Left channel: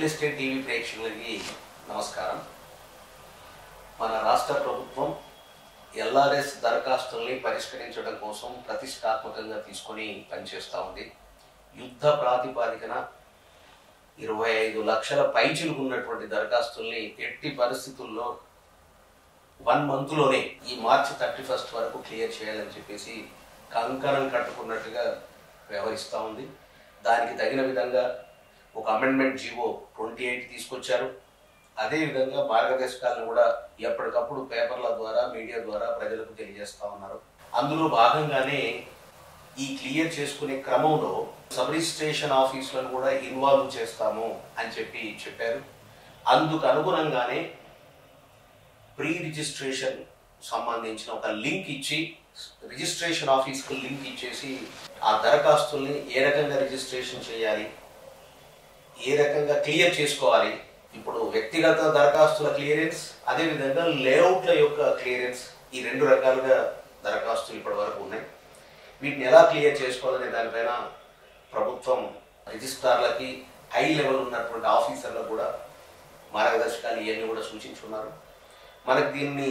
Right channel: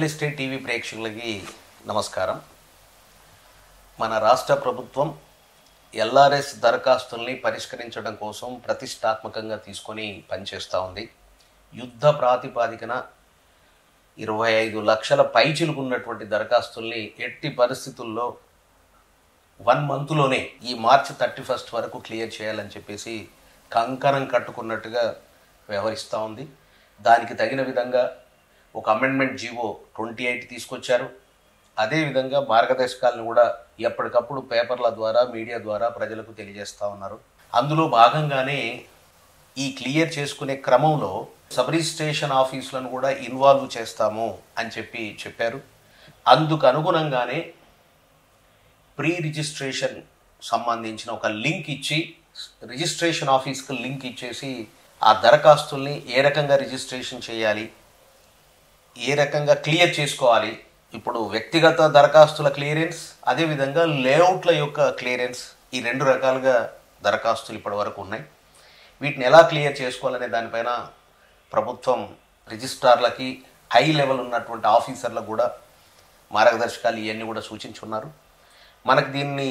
Real estate TV ప్రేక్షకులకి నమస్కారం. మన రాష్ట్ర ప్రభుత్వం ఎల్ఆర్ఎస్ దరఖాస్తుల్ని పరిష్కరించడం కోసం ప్రతిష్టాత్మకంగా తీసుకొని పనిచేస్తూ ఉంది. యుద్ధ ప్రాతిపాదికన 25 లక్షల పైచిలుకు ఉన్నటువంటి దరఖాస్తుల్ని ఎట్టి పరిస్థితుల్లో 1 మంత్లోనే ఈ మార్చి 31 వరకు క్లియర్ చేయాలని చెప్పేసి కంకణం కట్టుకున్నట్టుగా వ్యవహరిస్తూ ఉంది. దానికి తగిన విధంగా ఒక అమెండ్మెంట్ జీవో 28 తీసుకొచ్చారు. అదేవిధంగా మార్గదర్శకాలను కూడా ఎప్పటికప్పుడు పేపర్ల ద్వారా మీడియా ద్వారా ప్రజలకు తెలియజేస్తూ ఉన్నారు. అందులో భాగంగానే ఈ క్లియర్ చేసుకునే క్రమంలో సబ్ రిజిస్ట్రేషన్ ఆఫీసులను కూడా ఇన్వాల్వ్ చేస్తాము అని చెప్పారు. అందుకు అనుగుణంగానే ప్రీ రిజిస్ట్రేషన్ సంబంధించిన ఒక లింక్ ఇచ్చి రిజిస్ట్రేషన్ ఆఫీస్కి లింక్ ఇచ్చేసి ఆ దరఖాస్తుల్ని ఏ రకంగా రిజిస్ట్రేషన్ చేయాలి, ఏ రకంగా క్లియర్ చేసుకోవాలి, ఇప్పుడు వ్యక్తిగత దరఖాస్తుల క్లియరెన్స్, అదేవిధంగా లేఅవుట్ల యొక్క క్లియరెన్స్, ఈ 2 రకాలుగా దరఖాస్తులు ఇప్పటి వరకు ఉన్నాయి. వీటిని ఎలా క్లియర్ చేసుకోవాలనే దానిపైన ప్రభుత్వం రిజిస్ట్రార్లకి హై లెవెల్ ఉన్నటువంటి ఆఫీసర్లకు కూడా మార్గదర్శకాలు ఇవన్నీ కూడా సూచించున్నారు. మనకు దీన్ని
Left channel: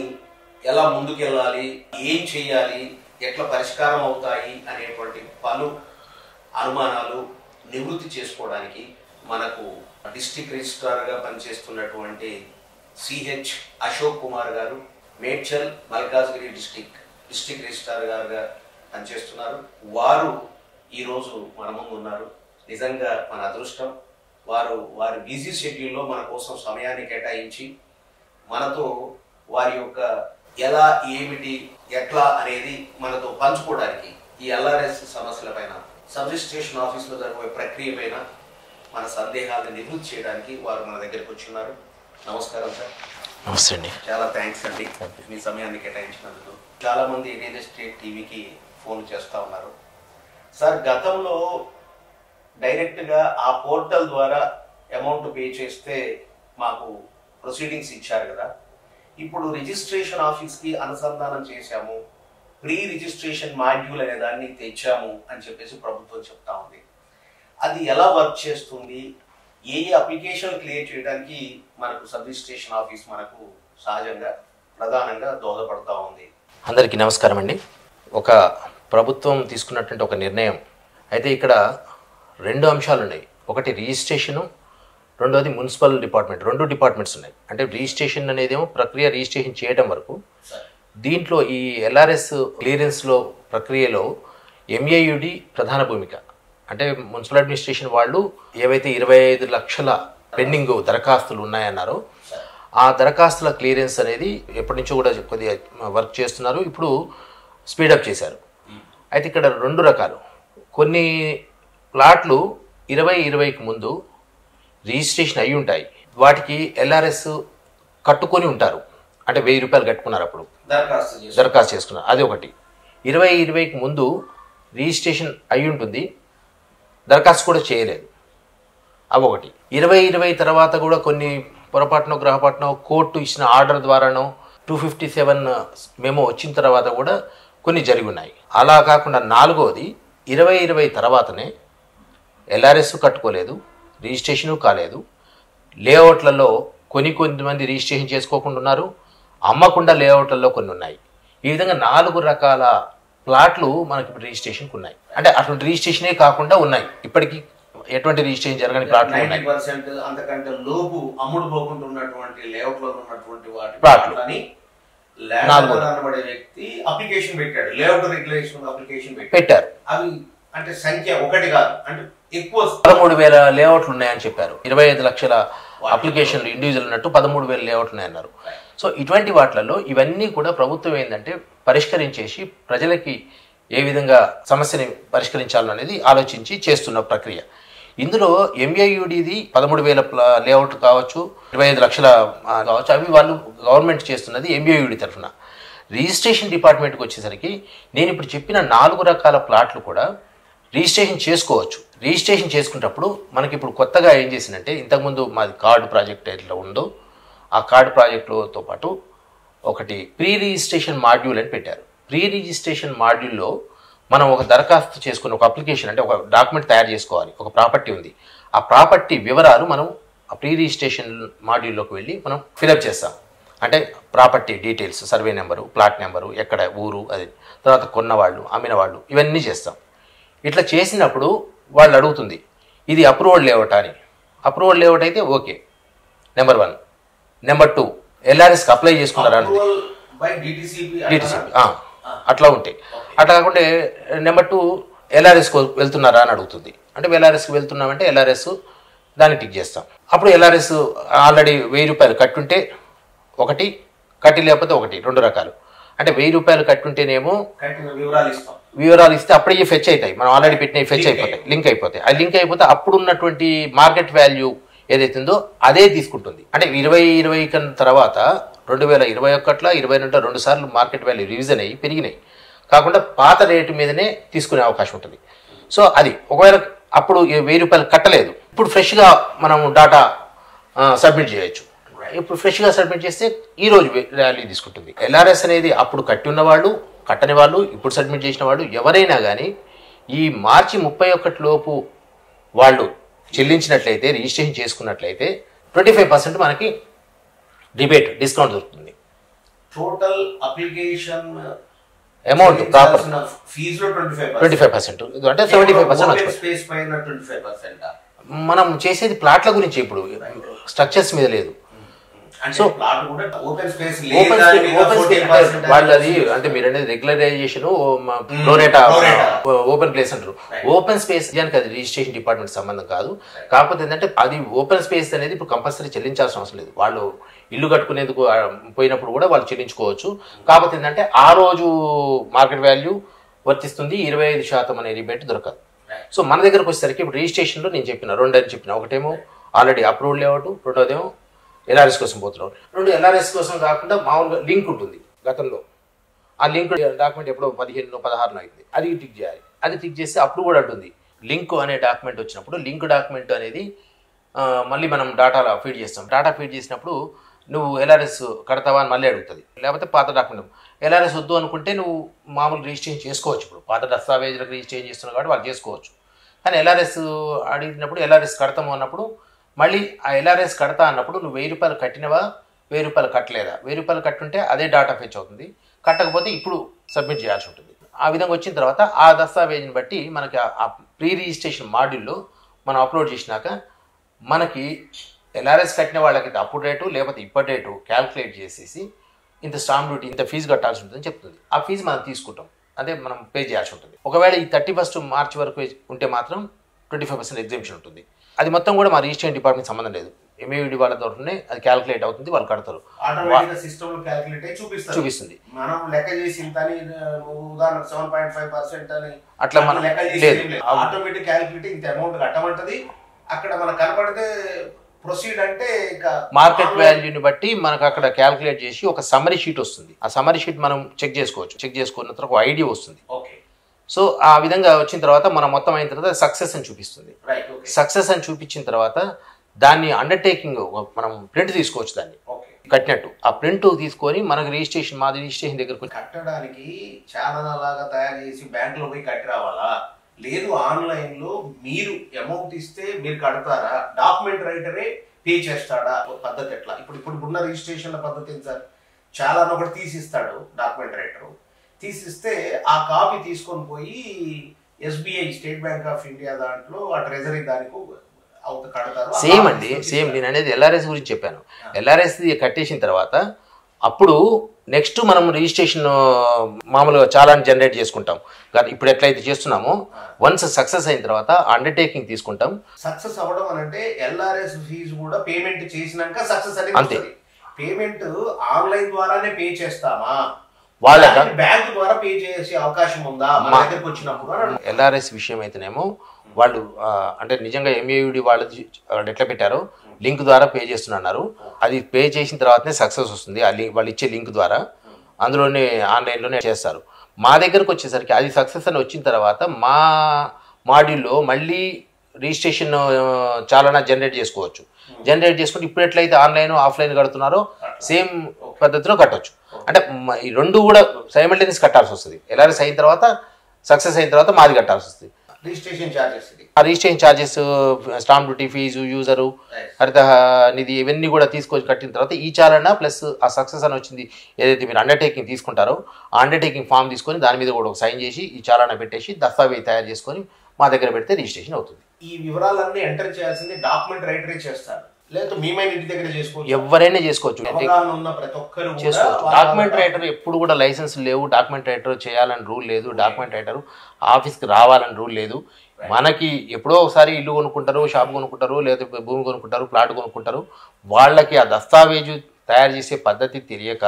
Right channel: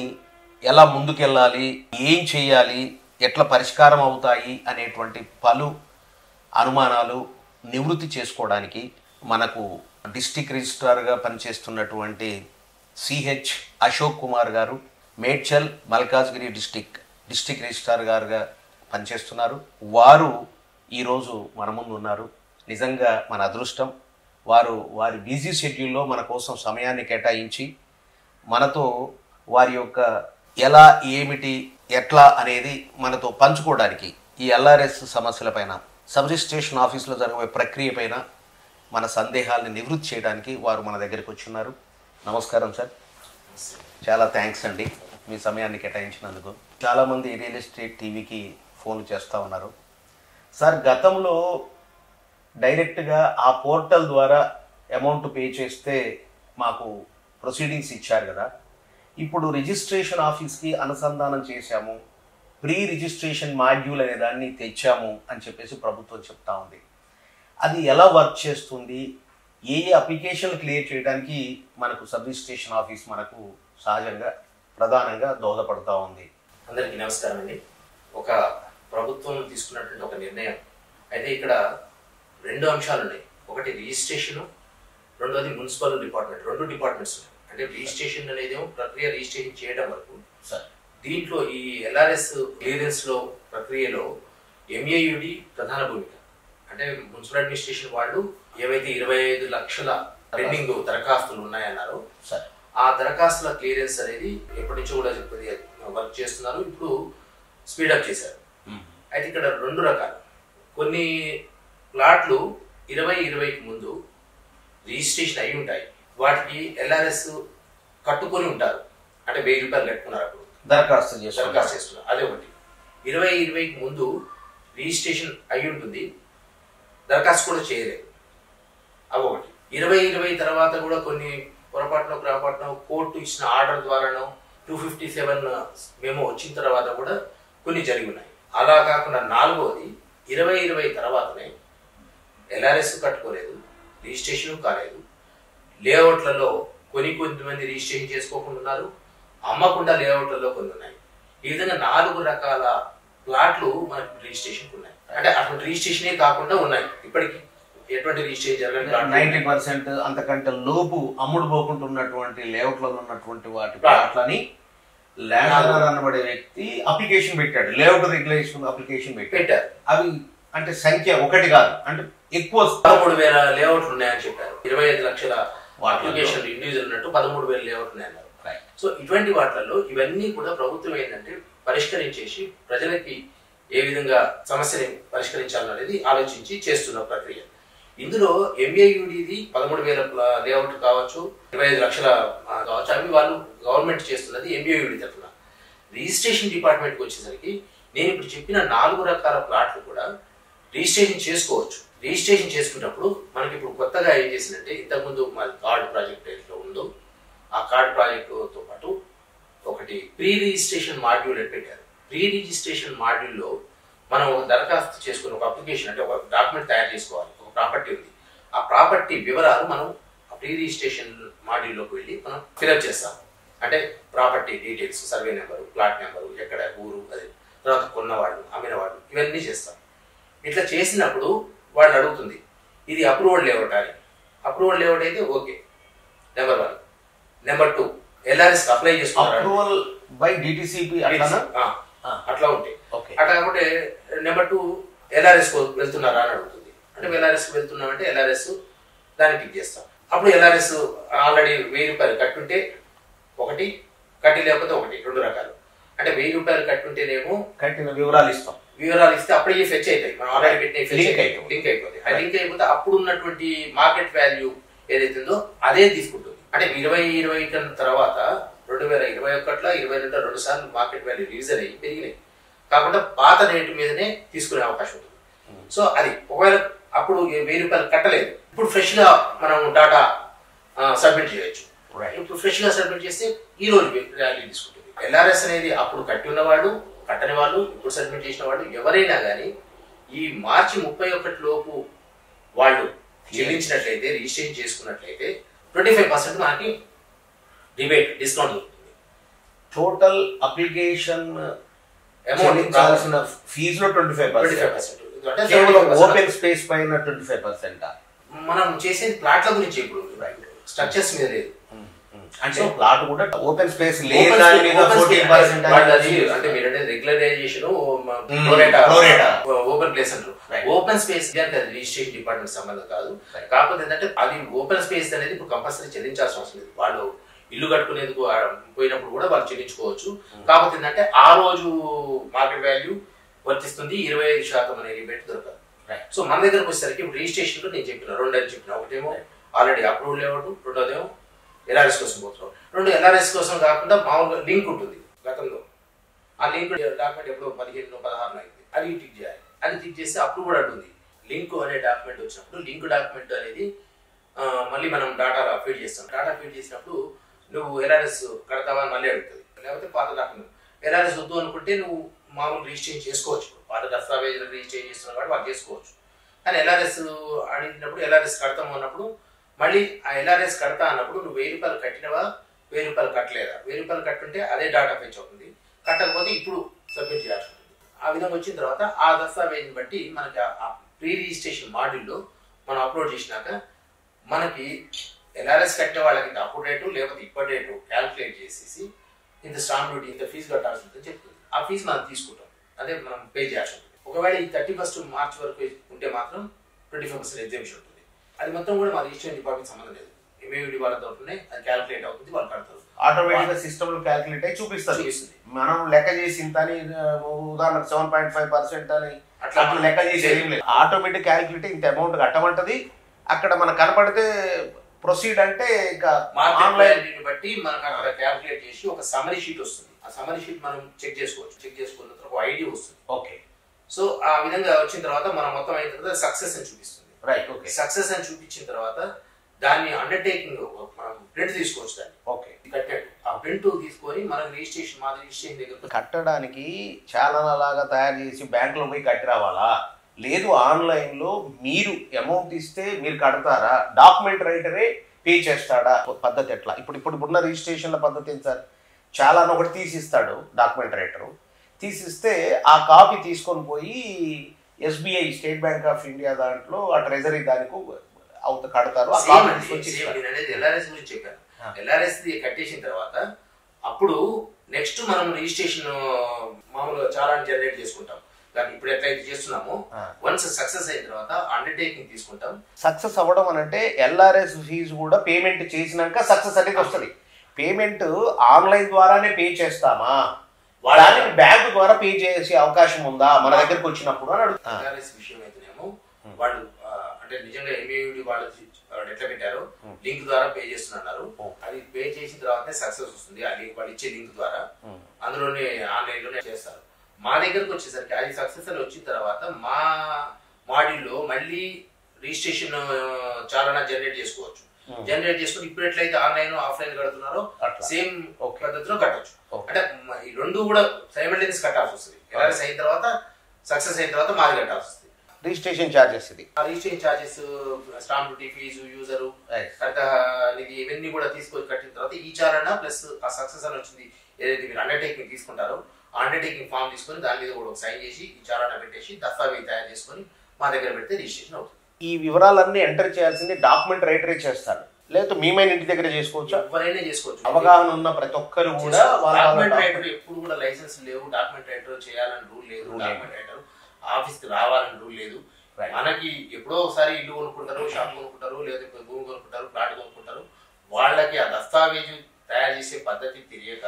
ఎలా ముందుకెళ్ళాలి, ఏం చేయాలి, ఎట్లా పరిష్కారం అవుతాయి అనేటువంటి పలు అనుమానాలు నివృత్తి చేసుకోవడానికి మనకు డిస్ట్రిక్ట్ రిజిస్ట్రార్గా పనిచేస్తున్నటువంటి సిహెచ్ అశోక్ కుమార్ గారు మేడ్చల్ మల్కాజ్గిరి డిస్ట్రిక్ట్ రిజిస్ట్రార్ గారుగా పనిచేస్తున్నారు. వారు ఈరోజు మన ముందు ఉన్నారు. నిజంగా మన అదృష్టం. వారి బిజీ షెడ్యూల్లో మన కోసం సమయాన్ని కేటాయించి మనతో వారి యొక్క ఎలా, ఏమిటి, ఎట్లా అనేది మనతో పంచుకోవడానికి ఈ ఎల్ఆర్ఎస్ సమస్యలపైన, సబ్ రిజిస్ట్రేషన్ ఆఫీసులో జరిగే ప్రక్రియ పైన మన సందేహాలను నివృత్తి చేయడానికి వారు మన దగ్గరికి వచ్చిన్నారు. నమస్కారం సార్. నమస్తే అండి. చాలా థ్యాంక్స్ అండి మీ సమయాన్ని కేటాయించినందుకు. చాలామంది రియల్ ఎస్టేట్ టీవీకి ఫోన్ చేస్తూ ఉన్నారు. సార్, గతంలో డైరెక్ట్గా ఆ పోర్టల్ ద్వారా అమౌంట్ పే చేస్తే మాకు ప్రొసీడింగ్స్ ఇచ్చారు కదా, ఇప్పుడు రిజిస్ట్రేషన్ ఆఫీస్కి అనుసంధానం చేశాము, ప్రీ రిజిస్ట్రేషన్ మాడ్యూల్ అనే దాన్ని తెచ్చాము అని చెప్పేసి ప్రభుత్వం చెప్తా ఉంది. అది ఎలా వర్క్ చేస్తుంది, ఏ అప్లికేషన్ క్లియర్ చేయడానికి మనకు సబ్ రిజిస్ట్రేషన్ ఆఫీస్ మనకు సహజంగా ప్రధానంగా దోహదపడుతూ ఉంది? అందరికీ నమస్కారం అండి. ఒక ప్రభుత్వం తీసుకున్నటువంటి ఒక నిర్ణయం అయితే ఇక్కడ 2 అంశాలు ఉన్నాయి. ఒకటి రిజిస్ట్రేషను, రెండోది మున్సిపల్ డిపార్ట్మెంట్. 2 డిపార్ట్మెంట్స్ ఉన్నాయి. అంటే రిజిస్ట్రేషన్ అనేది ఏమో ప్రక్రియ రిజిస్ట్రేషన్ చేయడం వరకు, దీంట్లో ఈ ఎల్ఆర్ఎస్ క్లియరెన్స్లో ప్రక్రియలో ఎంఏయుడి ప్రధాన భూమిక. అంటే మున్సిపల్ అడ్మినిస్ట్రేషన్ వాళ్ళు ఏవైతే 25 లక్షల పెండింగ్ దరఖాస్తులు ఉన్నాయన్నారో ఆ దరఖాస్తుల క్లియరెన్స్ అనేది ఎప్పటి నుంచో కూడా కొద్దిగా వర్క్ చేస్తున్నారు. ఇప్పుడు స్పీడప్ చేశారు. అయితే ఇక్కడ 2 రకాలు. కొన్ని ప్లాట్లు 2020కి ముందు రిజిస్ట్రేషన్ అయి ఉంటాయి. వాటికి ఎల్ఆర్ఎస్ కట్టుకొని ఉంటారు. అంటే 1000 రూపాయలు కట్టుకున్నారు, అప్పుడు దరఖాస్తు చేసుకున్నారు. అది ఒకటి. 2020కి ముందు రిజిస్ట్రేషన్ అయి ఉంటుంది, దరఖాస్తు కూడా చేయలేదు. అవి ఒకటి. 2020 తర్వాత కూడా కొన్ని పొరపాటునో గ్రహపాటునో కోర్టు ఇచ్చిన ఆర్డర్ ద్వారానో 257 మెమో వచ్చిన తర్వాత కూడా కొన్ని జరిగి ఉన్నాయి. అలా కాకుండా 4వది 2020 తర్వాతనే ఎల్ఆర్ఎస్ కట్టుకోలేదు, రిజిస్ట్రేషను కాలేదు, లేఅవుట్లలో కొంతమంది రిజిస్ట్రేషన్ చేసుకోకుండా ఉన్నారు, అమ్మకుండా లేఅవుట్లలో కొన్ని ఉన్నాయి. ఈ విధంగా 4 రకాల ప్లాట్లు మనకి రిజిస్ట్రేషన్కి ఉన్నాయి. అంటే అటువంటి రిజిస్ట్రేషనే కాకుండా ఉన్నాయి. ఇప్పటికీ ఎటువంటి రిజిస్ట్రేషన్ జరగని ప్లాట్లు 90% అంతకంటే లోపు అమ్ముడు పోకుండా ఉన్నటువంటి లేఅవుట్లలో ఉన్నటువంటి వాటి ప్లాట్లని అనబడే వ్యక్తి అప్లికేషన్ పెట్టాడు, లేఅవుట్ రెగ్యులేషన్ అప్లికేషన్ పెట్టారు. అవి అంటే సంఖ్య ఒకటి కాదు, అంటే ఎక్కువ 13,000 లేఅవుట్లు ఉన్నాయని చెప్పారు. 25 లక్షల అప్లికేషన్లు ఇండివిజువల్ ఉన్నట్టు 13,000 లేఅవుట్లు ఉన్నాయన్నారు. సో ఇటువంటి వాటిలలో ఇవన్నీ కూడా ప్రభుత్వం ఏంటంటే పరిష్కరించేసి ప్రజలకి ఏ విధంగా సమస్యని పరిష్కరించాలనేది ఆలోచించి చేస్తున్న ప్రక్రియ. ఇందులో ఎంఏయుడిది 13,000 లేఅవుట్ కావచ్చు, 25 లక్షల కావచ్చు, అవి వాళ్ళు గవర్నమెంట్ చేస్తున్నది ఎంఏయుడి తరఫున. రిజిస్ట్రేషన్ డిపార్ట్మెంట్కి వచ్చేసరికి నేను ఇప్పుడు చెప్పిన 4 రకాల ప్లాట్లు కూడా రిజిస్ట్రేషన్ చేసుకోవచ్చు. రిజిస్ట్రేషన్ చేసుకున్నప్పుడు మనకి ఇప్పుడు కొత్తగా ఏం చేసిందంటే, ఇంతకుముందు మాది కార్డు ప్రాజెక్ట్ ఎట్లా ఉందో ఆ కార్డు ప్రాజెక్టుతో పాటు ఒకటి ప్రీ రిజిస్ట్రేషన్ మాడ్యూల్ అని పెట్టారు. ప్రీ రిజిస్ట్రేషన్ మాడ్యూల్లో మనం ఒక దరఖాస్తు చేసుకుని ఒక అప్లికేషన్ అంటే ఒక డాక్యుమెంట్ తయారు చేసుకోవాలి. ఒక ప్రాపర్టీ ఉంది, ఆ ప్రాపర్టీ వివరాలు మనం ఆ ప్రీ రిజిస్ట్రేషన్ మాడ్యూల్లోకి వెళ్ళి మనం ఫిలప్ చేస్తాం. అంటే property details, survey number, plot number, ఎక్కడ ఊరు, అది తర్వాత కొన్నవాళ్ళు, అమ్మిన వాళ్ళు, ఇవన్నీ చేస్తాం. ఇట్లా చేసినప్పుడు వాళ్ళు అడుగుతుంది ఇది అప్రూవల్ లేఅవుట్ అని. అప్రూవల్ లేఅవుట్ అయితే ఓకే, నెంబర్ 1. నెంబర్ 2, ఎల్ఆర్ఎస్కి అప్లై చేసుకున్నారా, అట్లా ఉంటాయి. అట్లా కాకుంటే నెంబర్ 2, ఎల్ఆర్ఎస్కి వెళ్తున్నారా అని అడుగుతుంది. అంటే ఎల్ఆర్ఎస్కి వెళ్తున్నామంటే ఎల్ఆర్ఎస్ దాన్ని టిక్ చేస్తాం. అప్పుడు ఎల్ఆర్ఎస్ ఆల్రెడీ 1000 రూపాయలు కట్టుంటే ఒకటి, కట్టి లేకపోతే ఒకటి, 2 రకాలు. అంటే 1000 రూపాయలు కట్టుంటేనేమో వివరాలు ఇస్తే అప్పుడే ఫెచ్ అవుతాయి. మనం ఆల్రెడీ పెట్టిన ఫెచ్ అయిపోతాయి, లింక్ అయిపోతాయి. ఆ లింక్ అయిపోతే అప్పుడు ఉన్నటువంటి మార్కెట్ వాల్యూ ఏదైతుందో అదే తీసుకుంటుంది. అంటే 2020 కన్నా తర్వాత 2021లో 2022 2 సార్లు మార్కెట్ వాల్యూ రివిజన్ అయ్యి పెరిగినాయి. కాకుండా పాత రేటు మీదనే తీసుకునే అవకాశం ఉంటుంది. సో అది ఒకవేళ అప్పుడు 1000 రూపాయలు కట్టలేదు, ఇప్పుడు ఫ్రెష్గా మనం డాటా సబ్మిట్ చేయొచ్చు. ఇప్పుడు ఫ్రెష్గా సబ్మిట్ చేస్తే ఈ రోజు వాల్యూ తీసుకుంటుంది. ఎల్ఆర్ఎస్ అనేది అప్పుడు కట్టి ఉన్న వాళ్ళు, కట్టని వాళ్ళు, ఇప్పుడు సబ్మిట్ చేసిన వాళ్ళు ఎవరైనా కానీ ఈ మార్చి 31 లోపు వాళ్ళు చెల్లించినట్లయితే, రిజిస్ట్రేషన్ చేసుకున్నట్లయితే 25% మనకి డిస్కౌంట్ దొరుకుతుంది. టోటల్ అప్లికేషన్ అమౌంట్ ఫీజులో 25%. అంటే 75% ఓపెన్ స్పేస్ పైన 25%. మనం చేసేది ప్లాట్ల గురించి, ఇప్పుడు స్ట్రక్చర్స్ మీద లేదు. అంటే ప్లాట్ కూడా ఓపెన్ స్పేస్ వాళ్ళు అది అంటే మీరు అనేది రెగ్యులరైజేషన్, ఓపెన్ ప్లేస్ అంటారు. ఓపెన్ స్పేస్ దానికి అది రిజిస్ట్రేషన్ డిపార్ట్మెంట్ సంబంధం కాదు. కాకపోతే ఏంటంటే అది ఓపెన్ స్పేస్ అనేది ఇప్పుడు కంపల్సరీ చెల్లించాల్సిన అవసరం లేదు. వాళ్ళు ఇల్లు కట్టుకునేందుకు పోయినప్పుడు కూడా వాళ్ళు చెల్లించుకోవచ్చు. కాకపోతే ఏంటంటే ఆ రోజు మార్కెట్ వాల్యూ వర్తిస్తుంది, 25% అనే రిబేట్ దొరకదు. సో మన దగ్గరకు వచ్చేసరికి ఇప్పుడు రిజిస్ట్రేషన్లో నేను చెప్పిన 2 అని చెప్పిన, ఒకటేమో ఆల్రెడీ అప్రూవల్ లేఅవుట్, రెండోదేమో ఎల్ఆర్ఎస్ కోసం పోతున్నాం. 2 ఎల్ఆర్ఎస్ కోసం కాకుండా మామూలుగా లింక్ ఉంటుంది గతంలో. ఆ లింక్ డాక్యుమెంట్ ఎప్పుడో 15లో 16లో అయింది, అది టిక్ చేయాలి. అది టిక్ చేస్తే అప్పుడు కూడా ఉంటుంది. లింక్ అనే డాక్యుమెంట్ వచ్చినప్పుడు లింక్ డాక్యుమెంట్ అనేది మళ్ళీ మనం డాటాలో ఫీడ్ చేస్తాం. డాటా ఫీడ్ చేసినప్పుడు నువ్వు ఎల్ఆర్ఎస్ కడతావా అని మళ్ళీ అడుగుతుంది. లేకపోతే పాత డాక్యుమెంట్ ఎల్ఆర్ఎస్ వద్దు అనుకుంటే నువ్వు మామూలు రిజిస్ట్రేషన్ చేసుకోవచ్చు. ఇప్పుడు పాత దస్తావేజులకు రిజిస్ట్రేషన్ చేస్తున్నావు కాబట్టి వాళ్ళు చేసుకోవచ్చు. కానీ ఎల్ఆర్ఎస్ అడిగినప్పుడు ఎల్ఆర్ఎస్ కడతాము అన్నప్పుడు మళ్ళీ ఆ ఎల్ఆర్ఎస్ కడతా అన్నప్పుడు నువ్వు 1000 రూపాయలు కట్టినవా, 1000 రూపాయలు కట్టలేదా, 1000 రూపాయలు కట్టుంటే అదే డాటా ఫెచ్ అవుతుంది, కట్టకపోతే ఇప్పుడు సబ్మిట్ చేయాల్సి ఉంటుంది. ఆ విధంగా వచ్చిన తర్వాత ఆ దస్తావేజుని బట్టి మనకి ఆ ప్రీ రిజిస్ట్రేషన్ మాడ్యూల్లో మనం అప్లోడ్ చేసినాక మనకి ఎల్ఆర్ఎస్ కట్టిన వాళ్ళకి అప్పుడు రేటు లేకపోతే ఇప్పటి రేటు క్యాల్కులేట్ చేసేసి ఇంత స్టాంప్ డ్యూటీ, ఇంత ఫీజు కట్టాల్సి ఉంటుందని చెప్తుంది. ఆ ఫీజు మనం తీసుకుంటాం, అదే మనం పే చేయాల్సి ఉంటుంది. ఒకవేళ ఈ 31 మార్చి వరకు ఉంటే మాత్రం 25% ఎగ్జామ్షన్ ఉంటుంది. అది మొత్తం కూడా మా రిజిస్ట్రేషన్ డిపార్ట్మెంట్ సంబంధం లేదు. ఎంఏవిడి వాళ్ళతోనే అది క్యాల్కులేట్ అవుతుంది, వాళ్ళు కడతారు. ఆటోమేటిక్గా సిస్టమ్ లో క్యాల్కులేట్ అయ్యి చూపిస్తుంది. మనం లెక్క చేసి ఇంత అని, ఉదాహరణకు 7.5% అని అట్లా మనం లెక్క చేసి ఆటోమేటిక్ క్యాల్కులేట్ ఇంత అమౌంట్ కట్టమంటది. అక్కడ మనకు కనపడితే ప్రొసీడ్ అంటే ఇంకా మార్కెట్ వాల్యూని బట్టి మనకు అక్కడ క్యాల్కులేట్ చేసి ఒక సమ్మరీ షీట్ వస్తుంది. ఆ సమ్మరీ షీట్ మనం చెక్ చేసుకోవచ్చు. చెక్ చేసుకున్న తర్వాత ఒక ఐడియా వస్తుంది. ఓకే. సో ఆ విధంగా వచ్చిన తర్వాత మనం మొత్తం అయిన తర్వాత సక్సెస్ అని చూపిస్తుంది. సక్సెస్ అని చూపించిన తర్వాత దాన్ని అండర్టేకింగ్ మనం ప్రింట్ తీసుకోవచ్చు. దాన్ని కట్టినట్టు ఆ ప్రింట్ తీసుకొని మనకు రిజిస్ట్రేషన్, మాది రిజిస్ట్రేషన్ దగ్గరకు కట్టడానికి చాలా లాగా తయారు చేసి బ్యాంకులో పోయి కట్టి రావాలా, లేదు ఆన్లైన్ లో మీరు అమౌంట్ ఇస్తే మీరు కడతారా, డాక్యుమెంట్ రైటరే పే చేస్తాడా, పద్ధతి ఎట్లా? ఇప్పుడు ఉన్న రిజిస్ట్రేషన్ల పద్ధతి ఏంటి సార్? చాలా ఒకటి తీసిస్తాడు డాక్యుమెంట్ రైటరు, తీసిస్తే ఆ కాపీ తీసుకొని పోయి SBI, state bank of India దాంట్లో ఆ ట్రెజరీ దానికి కడతారు. సేమ్ అండి, సేమ్. నేను అనేది ఎల్ఆర్ఎస్ గురించి చెప్పాను. ఎల్ఆర్ఎస్ కట్టేసిన తర్వాత అప్పుడు నెక్స్ట్ మనం రిజిస్ట్రేషన్ మామూలుగా చాలా జనరేట్ చేసుకుంటాం. ఇప్పుడు ఎట్లయితే చేస్తున్నామో వన్స్ సక్సెస్ అయిన తర్వాత అండర్టేకింగ్ తీసుకుంటాం. సక్సెస్ అవ్వడం అని అంటే ఎల్ఆర్ఎస్ ఫీజు కూడా పేమెంట్ చేసినాక సక్సెస్ అనేది. పేమెంట్ ఆన్లైన్ ద్వారానే పే చేస్తామా, వాళ్ళ బ్యాంక్ ద్వారా పే చేసే అవకాశం ఉందా మన దగ్గరకు వచ్చినప్పుడు? ఎల్ఆర్ఎస్ విషయం అయితేనేమో వాళ్ళు అంటే నిజంగా ఎంఏవిడి వాళ్ళు ఎట్లా పెట్టారో లింక్ ద్వారా పే చేస్తున్నారు. అది పే చేసిన తర్వాతనే సక్సెస్ వస్తుంది. వాళ్ళు ఇచ్చే లింక్ ద్వారా అందులోనే ఆన్లైన్లోనే చేస్తారు. మా దగ్గరకు వచ్చేసరికి అది సక్సెస్ అని వచ్చిన తర్వాత మా మాడ్యూల్లో మళ్ళీ రిజిస్ట్రేషన్ చాలా జనరేట్ చేసుకోవచ్చు. జనరేట్ చేసుకుంటే ఇప్పుడు ఎట్లయితే ఆన్లైన్ ఆఫ్లైన్ కడుతున్నారో సేమ్ పద్ధతిలో కట్టవచ్చు. అంటే ఈ రెండు కూడా సైమల్టేనియస్ కట్టాల్సి వస్తుంది. ఎల్ఆర్ఎస్ అయిన తర్వాత, సక్సెస్ అయిన తర్వాత మాది కట్టాల్సి వస్తుంది. రిజిస్ట్రేషన్ ఛార్జెస్ ఇది. ఆ registration charges, stamp duty fee, user, Haritha Nidhi, ఇవన్నీ కూడా తీసుకొని కట్టిన తర్వాత ఈ చాలన ప్లస్ ఆ సక్సెస్ అని వచ్చింది ఏదైతే మీరు అండర్టేకింగ్ తీసుకుంటారో ఆ అండర్టేకింగ్ ఫామ్ తీసుకొని దాని మీద కూడా ఒక సైన్ చేసి ఈ చాలన పెట్టేసి దస్తావేజ్ తయారు చేసుకొని మా దగ్గర పెడితే రిజిస్ట్రేషన్ అవుతుంది. ఈ వివరాలన్నీ ఎంటర్ చేయాల్సింది డాక్యుమెంట్ రైటరే చేస్తారు, లేదా మీమైన ఇంటి దగ్గర చేసుకోవచ్చు, ఎవరైనా చేసుకోవచ్చు. అవగాహన ఉన్న ప్రతి ఒక్కరు కూడా. డాక్యుమెంట్ రైటర్ ఎప్పుడు కూడా లైసెన్స్ లేవు, డాక్యుమెంట్ రైటర్ చేయాలని రూల్ లేదు, డాక్యుమెంట్ రైటర్ ఆఫీస్కి రావాలని రూల్ లేదు. మనకి ఎప్పుడో ఒకసారి ఇల్లు కొనుక్కుంటారు, షాప్ కొనుక్కుంటారు, లేదా భూమి కొనుక్కుంటారు, ప్లాట్ కొనుక్కుంటారు. వాళ్ళకి ఆ దస్తావేజు తయారు చేసే పద్ధతి తెలియక,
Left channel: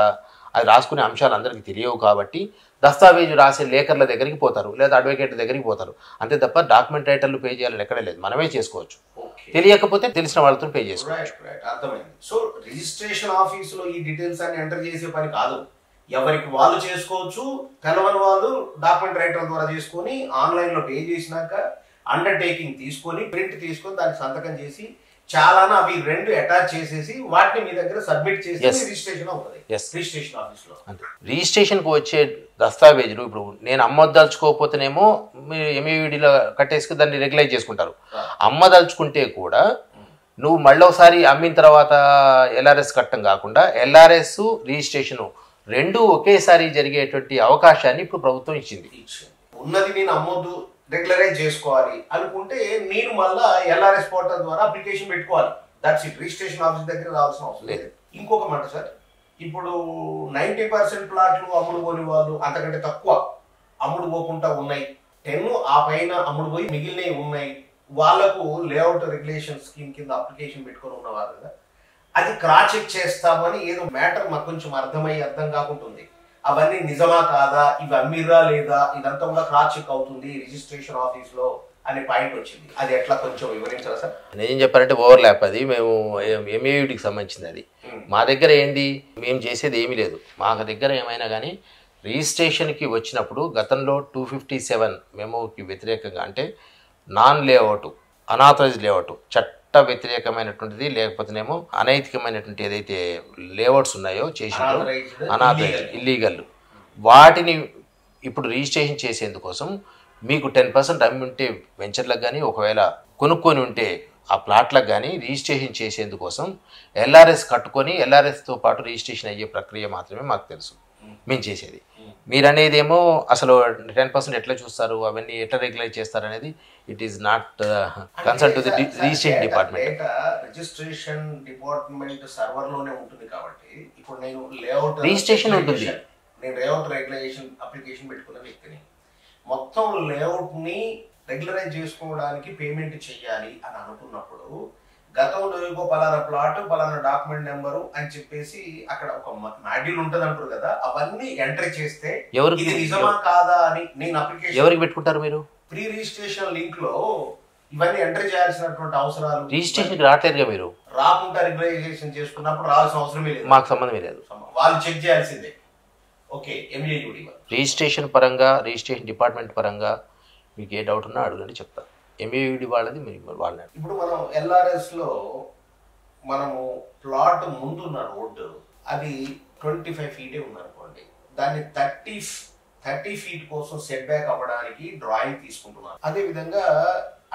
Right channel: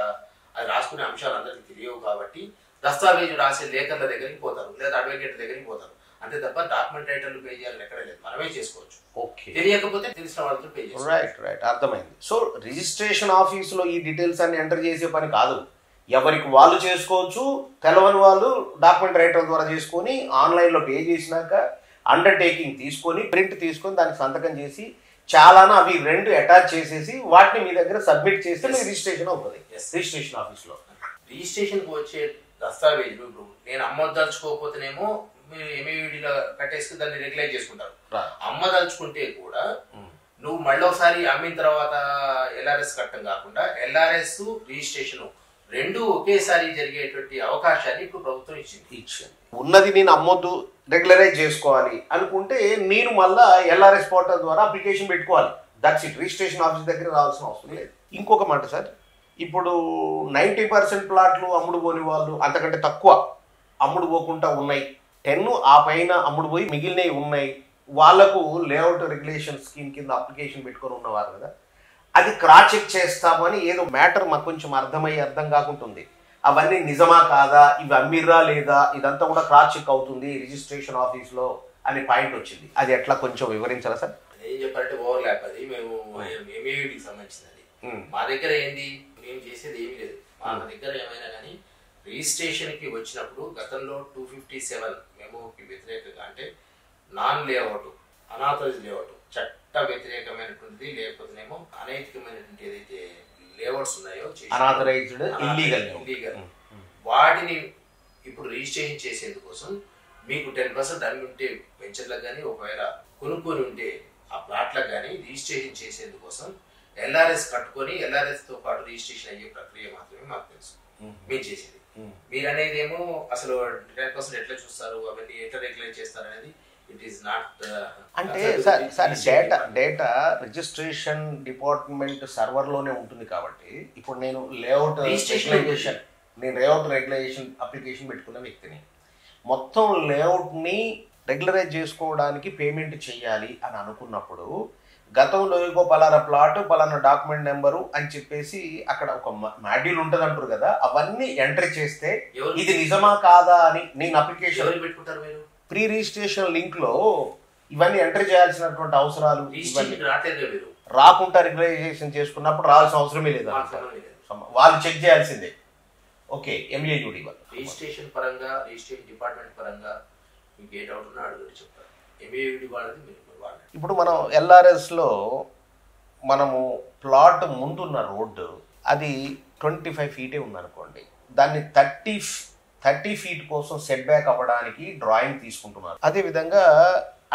అది రాసుకునే అంశాలు అందరికీ తెలియవు కాబట్టి దస్తావేజు రాసే లేఖర్ల దగ్గరికి పోతారు, లేదా అడ్వకేట్ దగ్గరికి పోతారు. అంతే తప్ప డాక్యుమెంట్ రైటర్లు పే చేయాలని ఎక్కడే లేదు, మనమే చేసుకోవచ్చు. తెలియకపోతే తెలిసిన వాళ్ళతో పే చేసుకోవచ్చు. అర్థమైంది. సో రిజిస్ట్రేషన్ ఆఫీసులో ఈ డీటెయిల్స్ అన్ని ఎంటర్ చేసే పని కాదు, ఎవరికి వాళ్ళు చేసుకోవచ్చు. తెలవని వాళ్ళు డాక్యుమెంట్ రైటర్ ద్వారా చేసుకొని ఆన్లైన్లో పే చేసినాక అండర్టేకింగ్ తీసుకొని ప్రింట్ తీసుకొని దానికి సంతకం చేసి చాలానా అవి రెండు అటాచ్ చేసేసి వాటిని మీ దగ్గర సబ్మిట్ చేసి రిజిస్ట్రేషన్ అవుతుంది రిజిస్ట్రేషన్ ఆఫీస్లో. రిజిస్ట్రేషన్కి వచ్చే దస్తావేజులు ఇప్పుడు నేను అమ్మదలుచుకోకపోతేనేమో మీరు ఎంఏవిడిలో కట్టేసి దాన్ని రెగ్యులైజ్ చేసుకుంటారు. అమ్మదలుచుకుంటే కూడా నువ్వు మళ్ళీ ఒకసారి అమ్మిన తర్వాత ఎల్ఆర్ఎస్ కట్టడం కాకుండా ఎల్ఆర్ఎస్ రిజిస్ట్రేషను రెండు ఒకేసారి జరిగేటువంటి అవకాశాన్ని ఇప్పుడు ప్రభుత్వం ఇచ్చింది. ఉన్నది నేను అమ్మొద్దు, రెగ్యులరైజ్ చేసుకోవాలి అనుకుంటే నేను మళ్ళా ఎల్ఆర్ఎస్ పోర్టల్ ద్వారా అప్లికేషన్ పెట్టుకోవాలి. That's it. రిజిస్ట్రేషన్ ఆఫీస్ దగ్గర రావాల్సిన అవసరం లేదు. ఇంకొక మాట సార్, ఇప్పుడు 90% ప్లాట్లు అమ్ముడు పోని వాళ్ళు అంతకంటే తక్కువ అమ్ముడు పోకుండా ఉన్నాయి, 10 ఆ పైన అమ్ముడు పోయి మిగిలినవి ఉన్నాయి, వాళ్లకు లేఅవుట్ రెగ్యులేషన్ స్కీమ్ కింద అప్లికేషన్ పెట్టుకొని ఉన్నవారు కదా, అది క్రాస్ చెక్ చేస్తామని ఏదో మ్యాటర్ మాకు కొంచెం అర్థం కాకుంటుంది. అవన్నీ నిజమా కాదా, ఇవి అమ్మిరా లేదా, ఇదంతా కూడా క్రాస్ చెక్ అవుతుంది రిజిస్ట్రేషన్ ఆఫీస్లో అనే పాయింట్ వచ్చింది. అది ఎట్లా కొంచెం వివరించారా సార్? నేనేం చెప్పానంటే ఓవర్ ల్యాప్, అది మేము ఎంఏవిడికి సంబంధించింది. అది మా దగ్గర ఏంది, మేము చేసేది ఏమీ లేదు. మా దగ్గర ఏమైనా కానీ రిజిస్ట్రేషన్కి వచ్చినప్పుడు గతంలో 257 మెమోకి వ్యతిరేకంగా, అంటే నాన్ లేఅవుట్, అనాథరైజ్ లేఅవుట్, చట్ట వ్యతిరేకమైనటువంటిది లేకపోతేనేమో అనైతికమైనటువంటి ఏదైతే లేఅవుట్స్ ఉన్నాయో చేసి ఇల్లీగల్ వాటిని ఇప్పుడు రిజిస్ట్రేషన్ చేసేందుకోసం మీకు 10% అమ్మి ఉంటే వెంచర్లకు కానీ, ఒకవేళ కొనుక్కొని ఉంటే ఆ ప్లాట్లకు కానీ రిజిస్ట్రేషన్ చేసేందుకోసం ఎల్ఆర్ఎస్ కట్టుకొని ఎల్ఆర్ఎస్తో పాటు రిజిస్ట్రేషన్ అయ్యే ప్రక్రియ మాత్రమే మాకు తెలుసు మేము చేసేది. మీరు అనేది ఏమో అసలు 10% ఎట్లా చూస్తారు, అవన్నీ ఎట్లా రెగ్యులైజ్ చేస్తారు అనేది it is not concern to the registration department. Data registration department server లోనే ఉంటుంది కాబట్టి ఇప్పుడు నేను లేఅవుట్ రిజిస్ట్రేషన్ ఉంటుంది, నేను లేఅవుట్ రెగ్యులేషన్ అప్లికేషన్ పెట్టుకున్న వ్యక్తిని, మొత్తం లేఅవుట్ ని రెగ్యులరైజ్ చేసుకోవడానికి పేమెంట్ చేయాలి అని అనుకున్నప్పుడు గతంలో ఇంకో పలానా ప్లాట్ పలానా డాక్యుమెంట్ నెంబరు అని చెప్పేసి అక్కడ ఒక మాడ్యూల్ ఉంటుంది అంటారు కదా, అవన్నీ ఎంటర్ చేస్తే ఇది నిజమా కాదా అని నేను అప్లికేషన్ ఎవరికి పెట్టుకుంటారు మీరు? ప్రీ రిజిస్ట్రేషన్ లింక్ లో ఇవన్నీ ఎంటర్ చేయాల్సినటువంటి అవసరాలు రిజిస్ట్రేషన్ రావట్లేదుగా, మీరు రాకుండా రెగ్యులైజేషన్ చేసుకున్నప్పుడు రావాల్సిన అవసరమే లేదు, మాకు సంబంధమే లేదు, వాళ్ళు చెక్ చేయాల్సిందే. ఓకే, ఎంఏయుడి రిజిస్ట్రేషన్ పరంగా, రిజిస్ట్రేషన్ డిపార్ట్మెంట్ పరంగా మీకు ఏ డౌట్ ఉన్నా అడగండి, చెప్తారు. ఎంఏయుడి వాళ్ళది మీరు వాళ్ళని. ఇప్పుడు మనం ఎల్ఆర్ఎస్ లో మనము ప్లాట్ ముందున్న రోడ్డు అది 25 ఫీటే ఉందనుకోండి, దాన్ని 30 ఫీట్ కోసం సెట్ బ్యాక్ అవ్వడానికి డ్రాయింగ్ తీసుకుంటున్నారు, అదేవిధంగా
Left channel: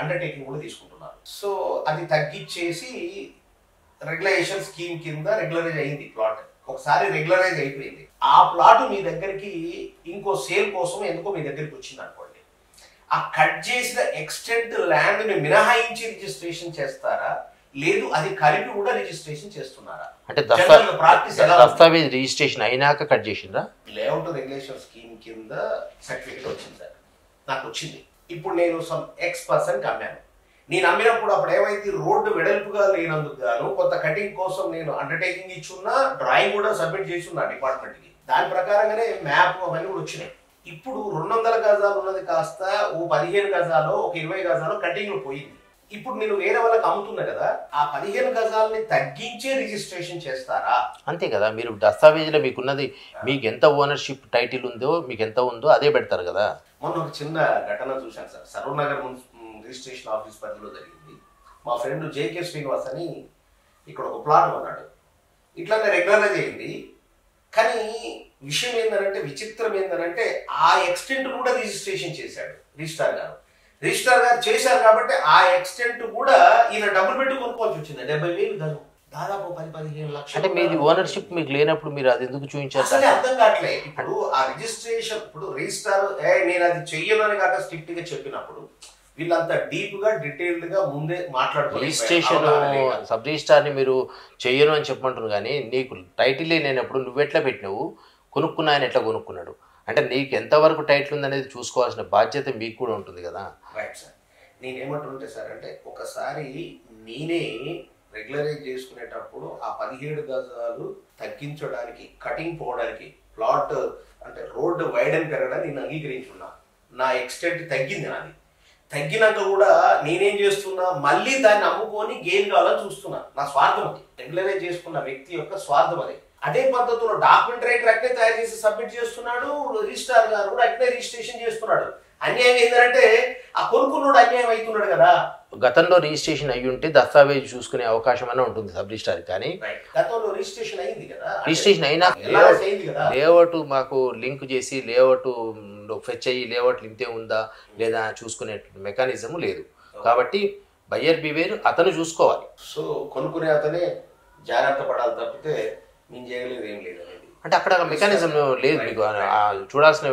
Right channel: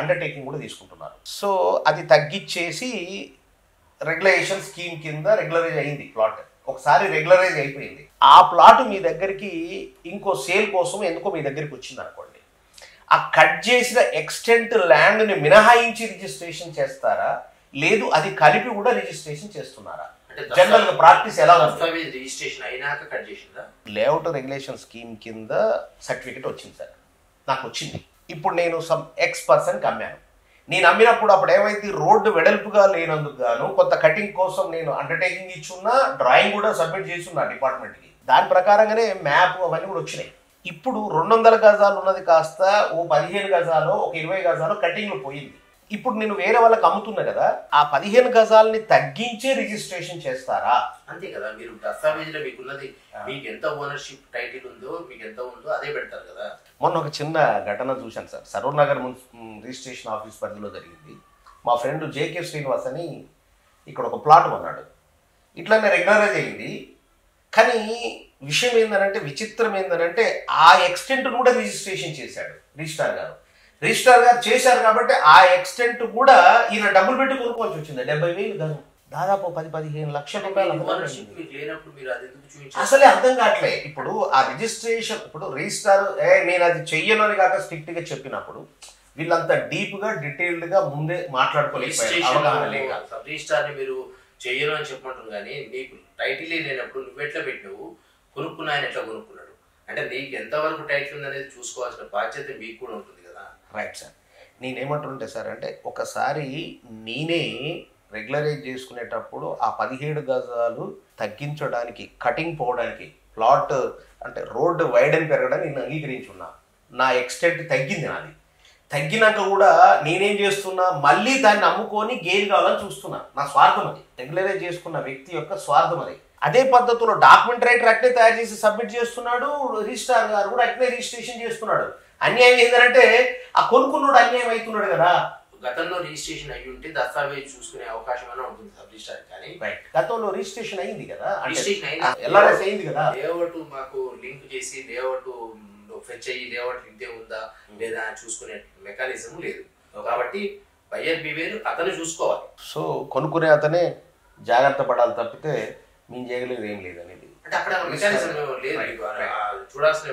అండర్టేకింగ్ కూడా తీసుకుంటున్నారు. సో అది తగ్గించేసి రెగ్యులేషన్ స్కీమ్ కింద రెగ్యులరైజ్ అయింది ప్లాట్. ఒకసారి రెగ్యులరైజ్ అయిపోయింది, ఆ ప్లాట్ మీ దగ్గరికి ఇంకో సేల్ కోసం ఎందుకో మీ దగ్గరికి వచ్చింది అనుకోండి, ఆ కట్ చేసిన ఎక్స్టెంట్ ల్యాండ్ ని మినహాయించి రిజిస్ట్రేషన్ చేస్తారా, లేదు అది కలిపి కూడా రిజిస్ట్రేషన్ చేస్తున్నారా? అంటే ప్రాక్టీస్ ఎలా? దస్తావేజ్ రిజిస్ట్రేషన్ అయినాక కట్ చేసిందా? లేఅవుట్ రెగ్యులేషన్ స్కీమ్ కింద సర్టిఫికేట్ వచ్చింది సార్, నాకు వచ్చింది. ఇప్పుడు నేను సమ్ X% అమ్మాను, నేను అమ్మినప్పుడు అప్పుడు ఏమైతే రోడ్డు వెడల్పుగా లేనందుకు గాను కొంత కటింగ్ కోసం నేను అండర్టేకింగ్ ఇచ్చున్నా, డ్రాయింగ్ కూడా సబ్మిట్ చేస్తున్నా డిపార్ట్మెంట్కి, దాని ప్రకారంగానే మ్యాప్ అవన్నీ కూడా వచ్చినాయి. ఇప్పుడు 200 గజాలు ఉన్నది కాస్త ఓ 15 గజాలు, ఒక 20 గజాలు కటింగ్లు పోయింది. ఇప్పుడు నేను వేరే వాళ్ళకి అమ్ముతున్నా కదా, ఆ 15 గజాలని తగ్గించే రిజిస్ట్రేషన్ చేస్తారా? అంతే కదా, మీరు దస్తావేజీలో మీకున్నది, మీకు ఎంత ఓనర్షిప్ టైటిల్ ఉందో, మీకు ఎంత ఉందో అదే పెడతారు కదా. మొన్న ఒక చిన్న ఘటన చూశాను sir, Saroor Nagar registration office పరిధిలో జరిగింది. మా ఫ్రెండ్ జేకే శ్రీనివాస్ అని ఇక్కడ ఒక ప్లాట్ కొన్నాడు, ఇట్లానే రెగ్యులరైజ్ అయింది. కానీ విషయం ఏంటంటే, విచిత్రం ఏంటంటే ఆ ఎక్స్టెంట్ కూడా రిజిస్ట్రేషన్ చేశాడు రిజిస్ట్రార్ గారు. రిజిస్ట్రార్ గారు చేశారు కాబట్టి ఆ ఎక్స్టెంట్ కూడా ఈయన డబ్బులు పెట్టి కొనుక్కోవాల్సి వచ్చింది. 70,000 గజం, దాదాపు 10-15 లక్షలు. అంటే మీ ఓనర్షిప్ మీకు లేనప్పుడు మీరు అది ఎందుకు చూపించారు? అసలే అర్థం కావట్లే. ఇప్పుడు ఆ రిజిస్ట్రేషన్, ఇప్పుడు రిజిస్ట్రార్ నేను అది చెయ్యను అని కాక స్ట్రిక్ట్ గా చెప్పినప్పుడు వీళ్ళంతా డీప్ గా డీటెయిల్డ్ గా ముందే మాట్లాడుకోలేదు. సబ్ రిజిస్ట్రార్ ని మీరు చెయ్యను అని చెప్పమంటున్నారు, కానీ నీకు టైటిల్ లేనప్పుడు నువ్వెట్లా పెట్టినావు, కొనుక్కున్న ఆయన ఎట్లా కొనుక్కున్నాడు అంటే నీకు ఎంతవరకు టైటిల్ ఉందనేది చూసుకోవాల్సిన బాధ్యత మీకు కూడా ఉంటుంది కదా. Right sir. నేనేమంటుంటే సార్ అంటే ఒకసారి నేనే రెగ్యులరైజ్ చేసుకునేటప్పుడు ఆ 17 గజాలు తగ్గించడానికి, కటింగ్ పోవడానికి, ప్లాట్ అంటే రోడ్డు వైడెన్ పెరగడానికి నేను అంగీకరించున్నా. నా ఎక్స్టెంట్ తగ్గింది, నాది తగ్గినాక కూడా నేనేం చేస్తున్నా, మళ్ళీ దాన్ని అమ్ముకొని గెయిన్ కావాలని చూస్తున్నా. నా స్వార్థం అది, రెగ్యులరైజ్ చేసుకున్న వ్యక్తి యొక్క స్వార్థం అది. అదే పద్ధతిలో డాక్యుమెంట్ రైటర్ అట్నే తయారు చేసి సబ్మిట్ చేస్తున్నాడు, రిజిస్ట్రార్ గారు కూడా అట్నే రిజిస్ట్రేషన్ చేస్తున్నాడు. అన్యాయం ఏంటంటే ఆ కొనుక్కున్నాడు అన్యాయం అవుతున్నాడు కదా. గతంలో రిజిస్ట్రేషన్ అయ్యి ఉంటే దస్తావేజ్ చూసుకునే అవకాశం అయినా ఉంటుంది సబ్ రిజిస్ట్రార్, కానీ గతంలో రిజిస్ట్రేషన్ అయింది కదా. రిజిస్ట్రేషన్ అయినా లేఅవుట్ మాకు లింక్ చేసి లేఅవుట్ ఫెచ్ అయ్యి లేఅవుట్ ఇంతే ఉందా లేదా చూసుకునే మెకానిజం లేదు. కాబట్టి బయ్యర్ బివేర్ అతను చూసుకోవాలి. సో కొనుక్కునే అతనే జాగ్రత్త పడాలి తప్పితే మేము చేయగలిగేది ఏం లేదు అనేది. అంటే అక్కడ మెకానిజం లేదు, మీకు చూడాల్సిన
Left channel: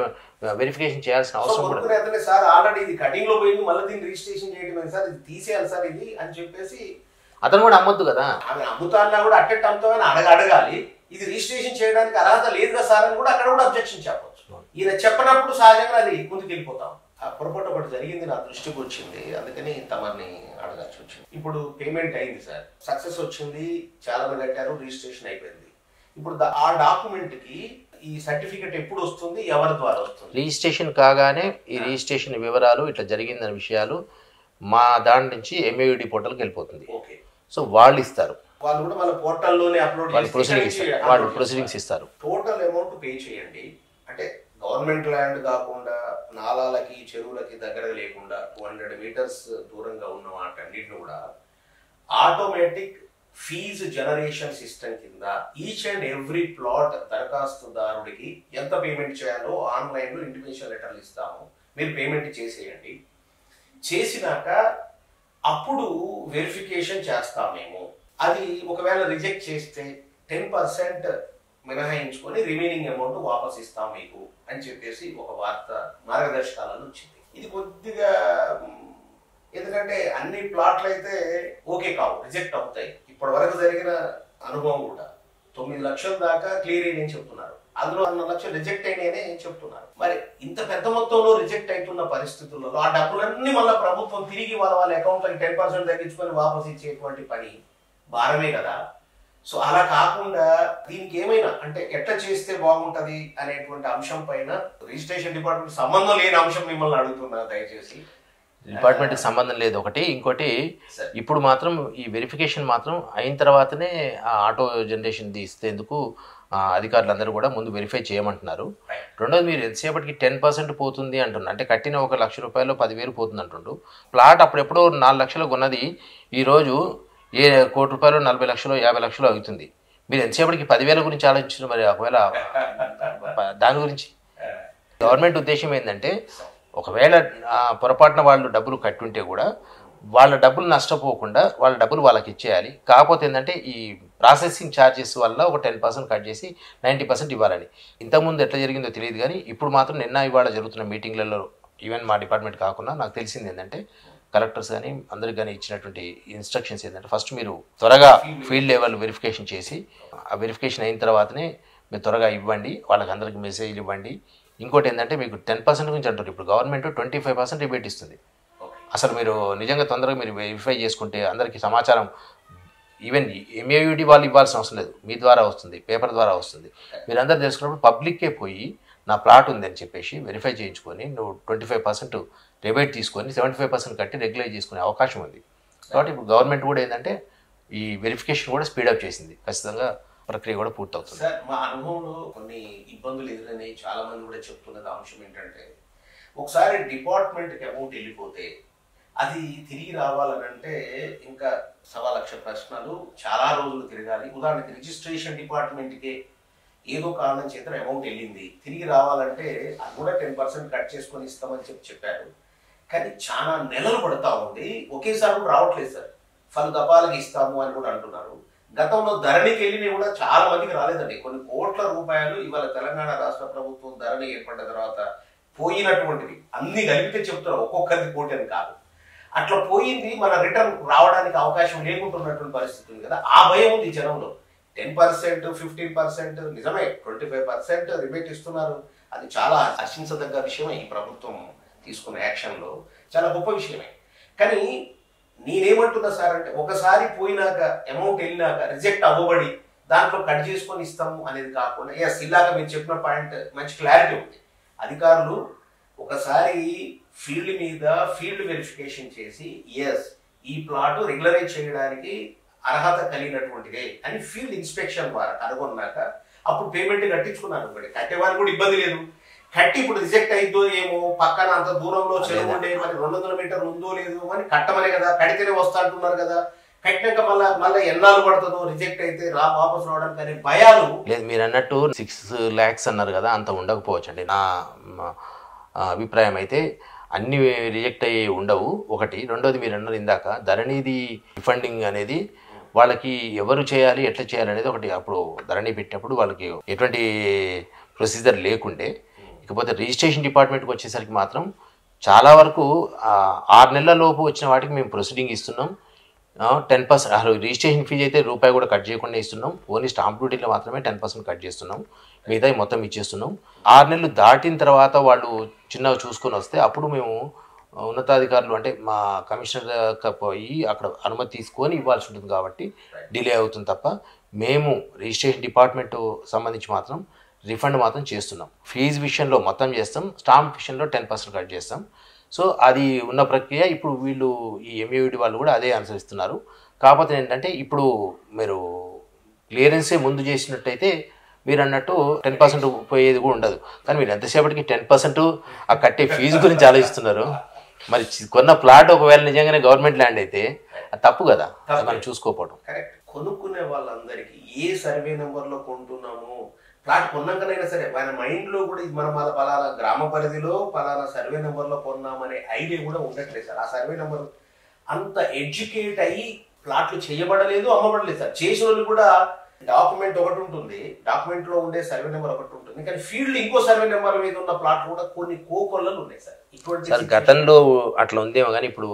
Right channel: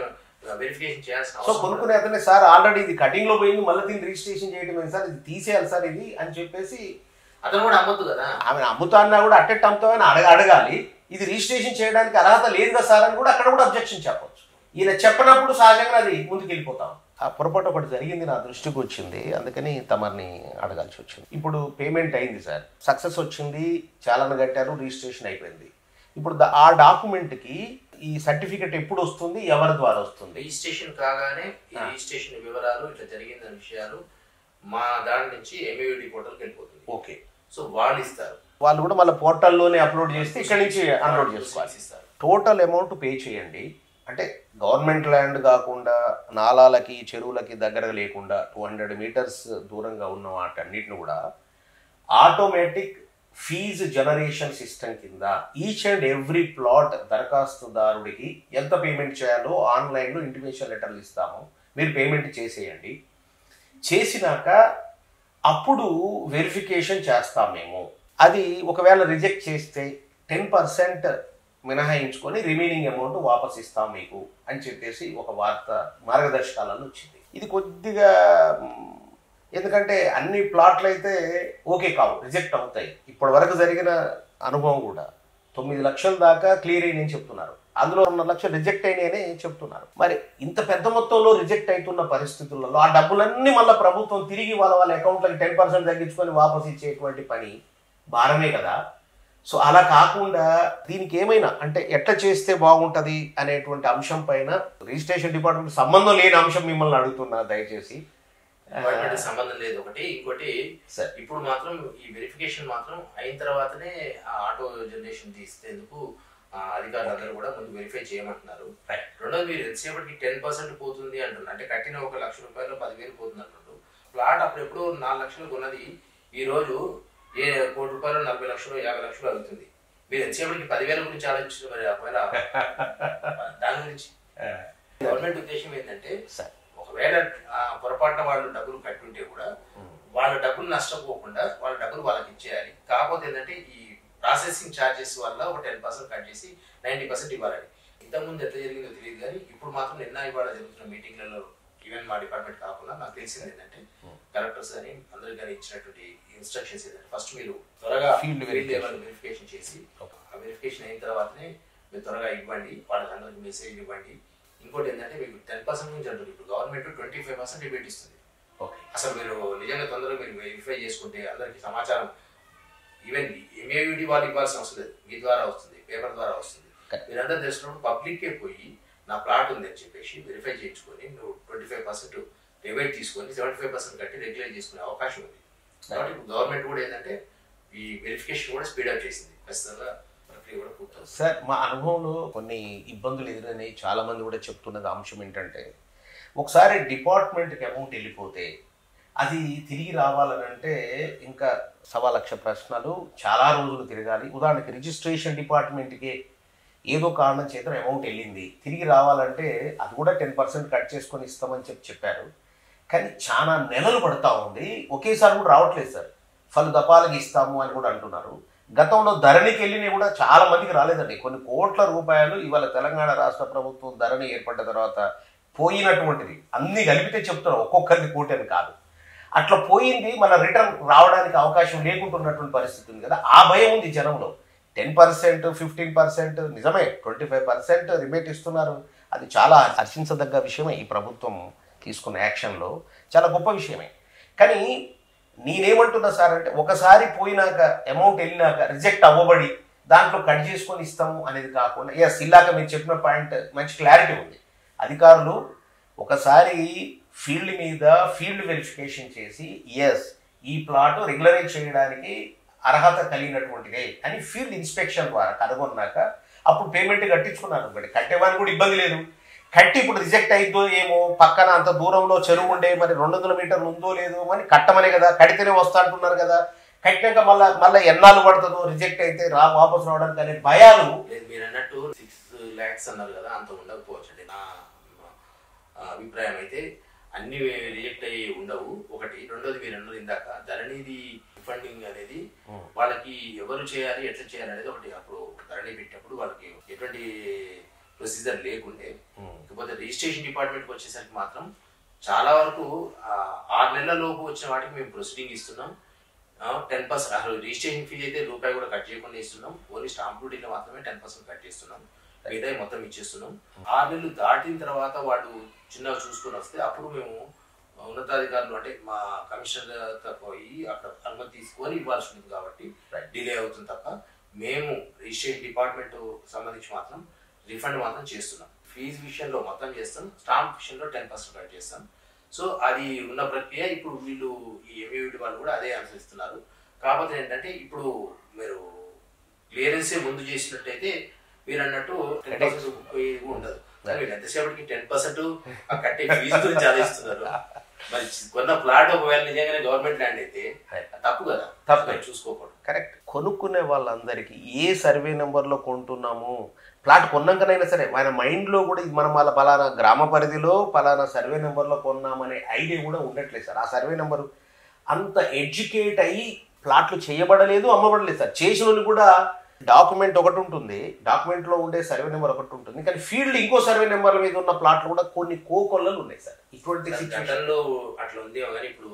వెరిఫికేషన్ చేయాల్సిన అవసరం. కొనుక్కునే అతనే సార్ ఆల్రెడీ ఇది కటింగ్ లో పోయింది, మళ్ళీ దీన్ని రిజిస్ట్రేషన్ చేయడం సార్, ఇది తీసేయాలి సార్ ఇది అని చెప్పేసి అతను కూడా అమ్మొద్దు కదా. ఆమె అమ్ముతా అన్నా కూడా అట్టెట్ అమ్ముతామని అడగాలి. ఇది రిజిస్ట్రేషన్ చేయడానికి అర్హత లేదు కదా సార్ అని కూడా అక్కడ కూడా అబ్జెక్షన్ చెప్పవచ్చు. ఈయన చెప్పినప్పుడు సహజంగా అది ముందుకు వెళ్ళిపోతాం. ఆ పొరపాటు ఒకటి జరిగింది, నా దృష్టికి వచ్చింది, అందుకని తమని అడగాల్సి వచ్చింది. ఇప్పుడు పేమెంట్ అయింది సార్, సక్సెస్ వచ్చింది, చాలాను కట్టారు, రిజిస్ట్రేషన్ అయిపోయింది. ఇప్పుడు ఆ డాక్యుమెంట్ కి ఈ సర్టిఫికెట్ ఎప్పుడు వస్తుంది, ఎవరి ద్వారా వస్తుంది? రిజిస్ట్రేషన్ కాగానే ఈ రిజిస్ట్రేషన్ వివరాలు ఇట్లా జరిగిందనే విషయాలు మా దాని నుంచి ఎంఏయుడి పోర్టల్కి వెళ్ళిపోతుంది. ఓకే. సో వాళ్ళు ఇస్తారు, వాళ్ళు కూడా మన పోర్టల్లోనే అప్లోడ్ ప్రొసీడింగ్స్ ఇస్తారు. టోటల్ అమౌంట్ పే చేయండి అంటే గవర్నమెంట్ ల్యాండ్ కాకుండా నాలాలకి చెరువులకి దగ్గరగా లేకుండా 200 మీటర్స్ దూరంగా ఉన్న వాటన్నిటిని కూడా ఆటోమేటిక్ ఫీజు జనరేషన్ సిస్టమ్ కింద ఈచ్ అండ్ ఎవ్రీ ప్లాట్ దరఖాస్తుదారుడికి ఎంత పేమెంట్ చేయాలో ఆన్లైన్లో ఇంటిమేషన్ లెటర్లు ఇస్తాము, మీరు పేమెంట్ చేసేయండి. చేసినాక అప్పుడు వెరిఫికేషన్ చేస్తాం మేము. అది ఒకవేళ రిజెక్ట్ చేస్తే 10% మినహాయించుకొని రిమైనింగ్ అమౌంట్ వాపస్ ఇస్తాం మీకు అని చెప్పేసి ఒక వార్త మార్గదర్శకాలను వచ్చింది. ఇది కొద్దిగా ఎందుకంటే అన్ని ప్లాట్లు అయితే ఓకే కావు, రిజెక్ట్ అవుతాయి. ఇప్పటి వరకు జరిగిన అనుభవం కూడా 9 లక్షల దాకా క్లియర్ అయ్యి చెప్తున్నారు, అందులో 1 లక్షలు రిజెక్ట్ అయినాయనే చెప్తున్నారు. మరి ఇంత పెద్ద మొత్తంలో రిజెక్ట్ అవుతున్న పరిస్థితులలో ఆ డబ్బులన్నీ మళ్ళీ ప్రభుత్వం తిరిగి వాళ్ళ అకౌంట్లకి 10% తగ్గించుకొని వాపస్ ఇచ్చేటువంటి పని భారమే కదా. సో అలా కాకుండా దీనికి ఏమైనా అంటే ఎట్లా చేస్తే బాగుంటది అనేటువంటి అంశం పైన రిజిస్ట్రేషన్ డిపార్ట్మెంట్ సంబంధం లేని అంశం మిమ్మల్ని అడుగుతున్నా, దయచేసి. డిపార్ట్మెంట్కి సంబంధం లేదు ఒకటి. ఇంకోటి ఇప్పుడు మాత్రం ఈ వెరిఫికేషన్ మాత్రం అయిన తర్వాతనే ఆ ఆటో జనరేషన్ తీస్తేందుకు అధికారులందరూ కూడా ముందు వెరిఫై చేయమంటున్నారు. రెండోది మీరు ఎంతసేపటికి 10% పోతుంది అంటున్నారు, అంటే కట్టిన 1 లక్ష రూపాయలు 10,000 పోతుంది అంటుండు. ప్లాట్ అప్పుడెప్పుడో 4 లక్షలు కొన్నది ఈరోజు ఏ 1 కోటి రూపాయలు 40 లక్షలు 50 లక్షలు అవుతుంది. మీరు ఎంతసేపటికి 10,000 గురించి ఆలోచించిన, మరి ఒకవేళ దాని గురించి గవర్నమెంట్ ఉద్దేశం ఏంటంటే ఒకవేళ పొరపాటున వాళ్ళు డబ్బులు కట్టుంటే కూడా వాళ్ళ డబ్బులు నష్టపోకుండా వాళ్ళ డబ్బులు వాళ్ళకి ఇచ్చేయాలి. కాకపోతే ఏంటంటే ఈ ప్రాసెసింగ్ ఛార్జెస్ వల్ల ఒక 10% కట్ చేసి 90% ఇవ్వాలని. ఇంతకుముందు ఎట్లా జరిగిందో తెలియదు, కానీ ఇప్పుడు మాత్రం నిన్న ఇవాళ జరుగుతున్న మీటింగ్లలో ఈవెన్ మా డిపార్ట్మెంట్ కాకుండా నాకు తెలిసింది ఏంటంటే కలెక్టర్స్ కానీ అందరికి కానీ ఇచ్చినటువంటి ఇన్స్ట్రక్షన్స్ ఏంటంటే ఫస్ట్ మీరు త్వరగా ఫీల్డ్ లెవెల్ వెరిఫికేషన్ చేసి ఆ వెరిఫికేషన్ అయిన తర్వాతనే మీరు త్వరగా ఇవ్వండి, వాళ్ళకి అందరికి మెసేజ్లు ఇవ్వండి. ఇంకోటి ఏంటంటే మీకు 10% గురించి అంటారు, ఇప్పుడు గవర్నమెంట్ 25% రిబేట్ ఇస్తుంది. అసలు మీరు నిజంగా తొందరగా మీరు వెరిఫై చేసుకుంటే అందరికీ సమాచారం ఈవెన్ ఎంఏయుడి వాళ్ళు ఇవ్వాల్సిన అవసరం లేదు, మీ ద్వారా వస్తుంది, పేపర్ ద్వారా వస్తుంది. మీరు అందరూ తెలుసుకున్నప్పుడు పబ్లిక్కే పోయి నా ప్లాట్ ఉంది అని చెప్పేసి వెరిఫై చేయించుకొని నువ్వు 25% రిబేట్ తీసుకొని 75% కట్టి రెగ్యులైజ్ చేసుకునే అవకాశం ఉంది. కాబట్టి ఇప్పుడు గవర్నమెంట్ కూడా ఏంటంటే ఈ వెరిఫికేషన్ కూడా స్పీడప్ చేసింది, ఖచ్చితంగా ప్రక్రియ కూడా పూర్తవుతుంది. సార్ మా అనుభవంలో కొన్ని ఇబ్బందులు ఎదురైనాయి, చాలా మంది కూడా చెప్తున్నది అంశం ఏంటంటే ఒకసారి డిపార్ట్మెంట్కి అమౌంట్ వెళ్ళిపోతే అది తిరిగి రావాలనంటే ఇంకా 1,00,000 ప్రశ్నలు, చాలా రోజులు తిరగాలి. ఉదాహరణకి రిజిస్ట్రేషన్ డిపార్ట్మెంట్కి ఏదో కారణం చేత అమౌంట్ వెళ్ళింది, తిరిగి రావాలంటే అది కూడా 10% కట్ చేసుకొని ఇస్తామని చెప్పారు. కానీ చాలా నెలలు పడుతూ ఉంది. ఒకేసారి కూడా రావట్లేదు సార్. పలు దఫాలుగా ఇస్తాము అని కూడా అంటున్నారు. గతంలో ధరణికి వెళ్ళినవి కూడా చాలా మందికి రాలేదండి. కొన్ని కోట్ల రూపాయలు ఇవాళ తెలంగాణ రాష్ట్ర ప్రభుత్వం ధరణి ఏర్పడ్డ తర్వాత పోయినటువంటిది అన్ని కలిపితే చెప్తున్నారు, ఒక్కొక్కరికి కోటి అని కాదు. అట్లా పోయింది, మన రిటర్న్ రావడానికి అవకాశం లేకుంటున్నటువంటి పరిస్థితి ఉంది కదా. ఆ భయం ఉంది జనంలో. 10%, 15%, నిజమే 25% రిబేట్ ఇస్తున్నారు. అది చాలా హర్షించదగ్గ విషయమే. ఈ ప్రభుత్వం తీసుకున్న యాక్షన్లో చాలా గొప్ప విషయమే. కానీ నేనేమంటున్నా సార్ అంటే, ఒకసారి పోయినాక అమౌంట్ వెళ్ళినాక రిజెక్ట్ అవ్వబడి దాంట్లో కట్ చేసుకొని ఇస్తాము అనేది కాకుండా, ఎస్ ఇలాగ మీరు చెప్పిన పాయింట్ మంచి క్లారిటీ ఉంది. అధికారులు ఒకసారి ఫీల్డ్ మీద ఫీల్డ్ వెరిఫికేషన్ చేసి ఎస్ ఈ ప్లాట్ రెగ్యులరైజ్ చేయడానికి అర్హత కలిగినటువంటిదే అని ఫీల్డ్ ఇన్స్పెక్షన్ ద్వారా కనుగొన్నాక అప్పుడు పేమెంట్ కట్టించుకున్నారు. కట్టేవారికి కూడా ఇబ్బంది లేదు. కట్టి ఇప్పుడు రిజెక్ట్ అయిద్దో ఏమో, పక్కన అంత దూరంలో చెరువు ఉండే, మరి 200 మీటర్లు ఉందో లేదో, మరి కట్టమనే కదా, కడితేనే వస్తా అంటున్నారు కదా, కట్టినాక మళ్ళీ ఎన్నాళ్ళు పడుతుందో రిజెక్ట్ అయితే వాపసు రావడానికి అనే భయాలు లేదు. మీరు అన్నట్టు 6 lakhs అన్నారు కదా, అంత ఉండకపోవచ్చు అండి. నా అభిప్రాయం అయితే అన్ని రిజెక్ట్ అయ్యి ఉండవు. ఒకటి. రెండోది మీరు అన్నారు ఇందాక ధరణిది రిఫండింగ్ అనేది వాళ్ళకి ఎవరు చేయాలి, ఎట్లా చేయాలి అనేది ఒకటి. అప్పుడు ధరణి పెట్టినప్పుడు వాళ్ళకి ఎటువంటి ప్రొసీజర్ లేకుండే. ఇకపోతే రిజిస్ట్రేషన్ డిపార్ట్మెంట్కి వచ్చేసరికి మాత్రం చాలా వరకు 6 నెలల లోపు వచ్చిన వాటికి మేము ప్రొసీడింగ్ ఇస్తున్నాం. 10% రిజిస్ట్రేషన్ ఫీజు అయితే రూపాయి కూడా కట్ చేయకుండా ఇస్తున్నాం. ఓన్లీ స్టాంప్ డ్యూటీలో మాత్రమే 10% కట్ చేస్తున్నాం. మిగతా మొత్తం ఇచ్చేస్తున్నాం. 6 నెలలు దాటిన తర్వాత వాళ్ళు చిన్నగా చూసుకొని వస్తే అప్పుడు మేము ఉన్నతాధికారులు అంటే మా కమిషనర్ పోయి అక్కడ అనుమతి తీసుకొని ఇవ్వాల్సి ఉంటుంది. కాబట్టి డిలే అవుతుంది తప్ప మేము రిజిస్ట్రేషన్ డిపార్ట్మెంట్ సంబంధించి మాత్రం రిఫండ్ మాత్రం చేస్తున్నాం. ఫీజు విషయంలో మొత్తం చేస్తాం, స్టాంప్ విషయంలో 10% కట్ చేస్తాం. సో అది ఉన్న ప్రక్రియ. ఇప్పుడు వీళ్ళు ఈ ఎంయూడి వాళ్ళు కూడా అదే అనుసరిస్తున్నారు. కాకపోతే ఏంటంటే ఇప్పుడు మీరు క్లియరెన్సే ముందు చేసినట్టయితే మీరు అన్నట్టు 10% పోయేది కూడా ఉండదు. కానీ మీరు ఎంతసేపటికి 10% ఆ కట్టే ఫీజు గురించి ఆలోచిస్తున్నారు. మరి కొన్న ప్లాట్ ఒకవేళ నిజంగానే గవర్నమెంట్ ల్యాండ్ అయితే అది తప్పు కదా, మనం చూసుకోకపోవడం. కరెక్ట్. కొనుక్కునే వాళ్ళందరికీ ఏ సర్వే నెంబర్లో కొంటున్నాము, ప్లాట్ కొన్నాకనైనా సరే ఆయన మైండ్లో కూడా ఇది మనం వాళ్ళ పలానా గ్రామ పరిధిలో పలానా సర్వే నెంబర్లో కొన్నామనే ఐడియా కూడా ఉండట్లేదు సార్. ఆ సర్వే నెంబర్ అంత ఎడ్యుకేట్ అయ్యి ప్లాట్లు చేయబడలేదు, అమ్మబడలేదు సార్. చేసిన వాళ్ళు కూడా డాక్యుమెంట్ ఒకటి ఉంటుంది, డాక్యుమెంట్లో ఉండే సర్వే నెంబర్ ఒకటి ఉంటుంది, కానీ ఫీల్డ్ ఇంకో సర్వే నెంబర్ మీద ఉన్న ప్లాట్లు కూడా కొన్ని కోకొల్లలు ఉన్నాయి సార్. ఇటువంటి గతంలో అట్లా ఉందేమో కానీ ఇప్పుడు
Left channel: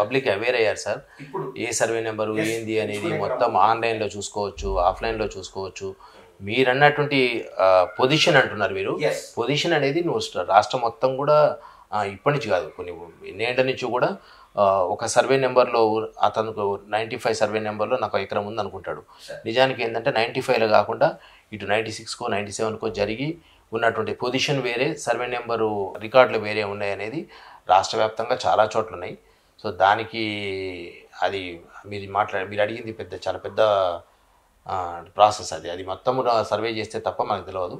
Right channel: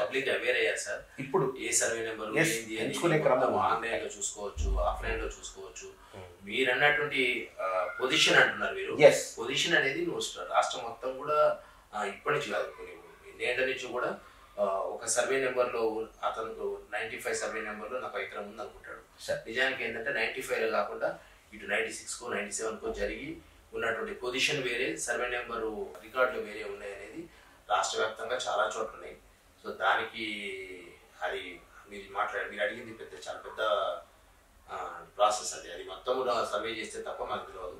పబ్లిక్ అవేర్ అయ్యారు సార్. ఇప్పుడు ఏ సర్వే నెంబరు ఏంది అనేది మొత్తం ఆన్లైన్లో చూసుకోవచ్చు, ఆఫ్లైన్లో చూసుకోవచ్చు. మీరు అన్నటువంటి పొజిషన్ అంటున్నారు మీరు. పొజిషన్ అనేది నువ్వు రాష్ట్రం మొత్తం కూడా ఇప్పటి నుంచి కాదు, కొన్ని ఎన్నేళ్ల నుంచి కూడా ఒక సర్వే నెంబర్లో అతనికి 95 సర్వే నెంబర్లో నాకు ఎకరం ఉంది అనుకుంటాడు. నిజానికి ఏంటంటే 95లో కాకుండా ఇటు 96కో 97కో జరిగి ఉన్నటువంటి పొజిషన్ వేరే, సర్వే నెంబరు రికార్డులు వేరే ఉన్నాయి అనేది రాష్ట్ర వ్యాప్తంగా చాలా చోట్ల ఉన్నాయి. సో దానికి అది మీరు అడిగింది చాలా పెద్ద ప్రాసెస్. అది మొత్తం సర్వే చేస్తే తప్ప మనకు తెలియదు.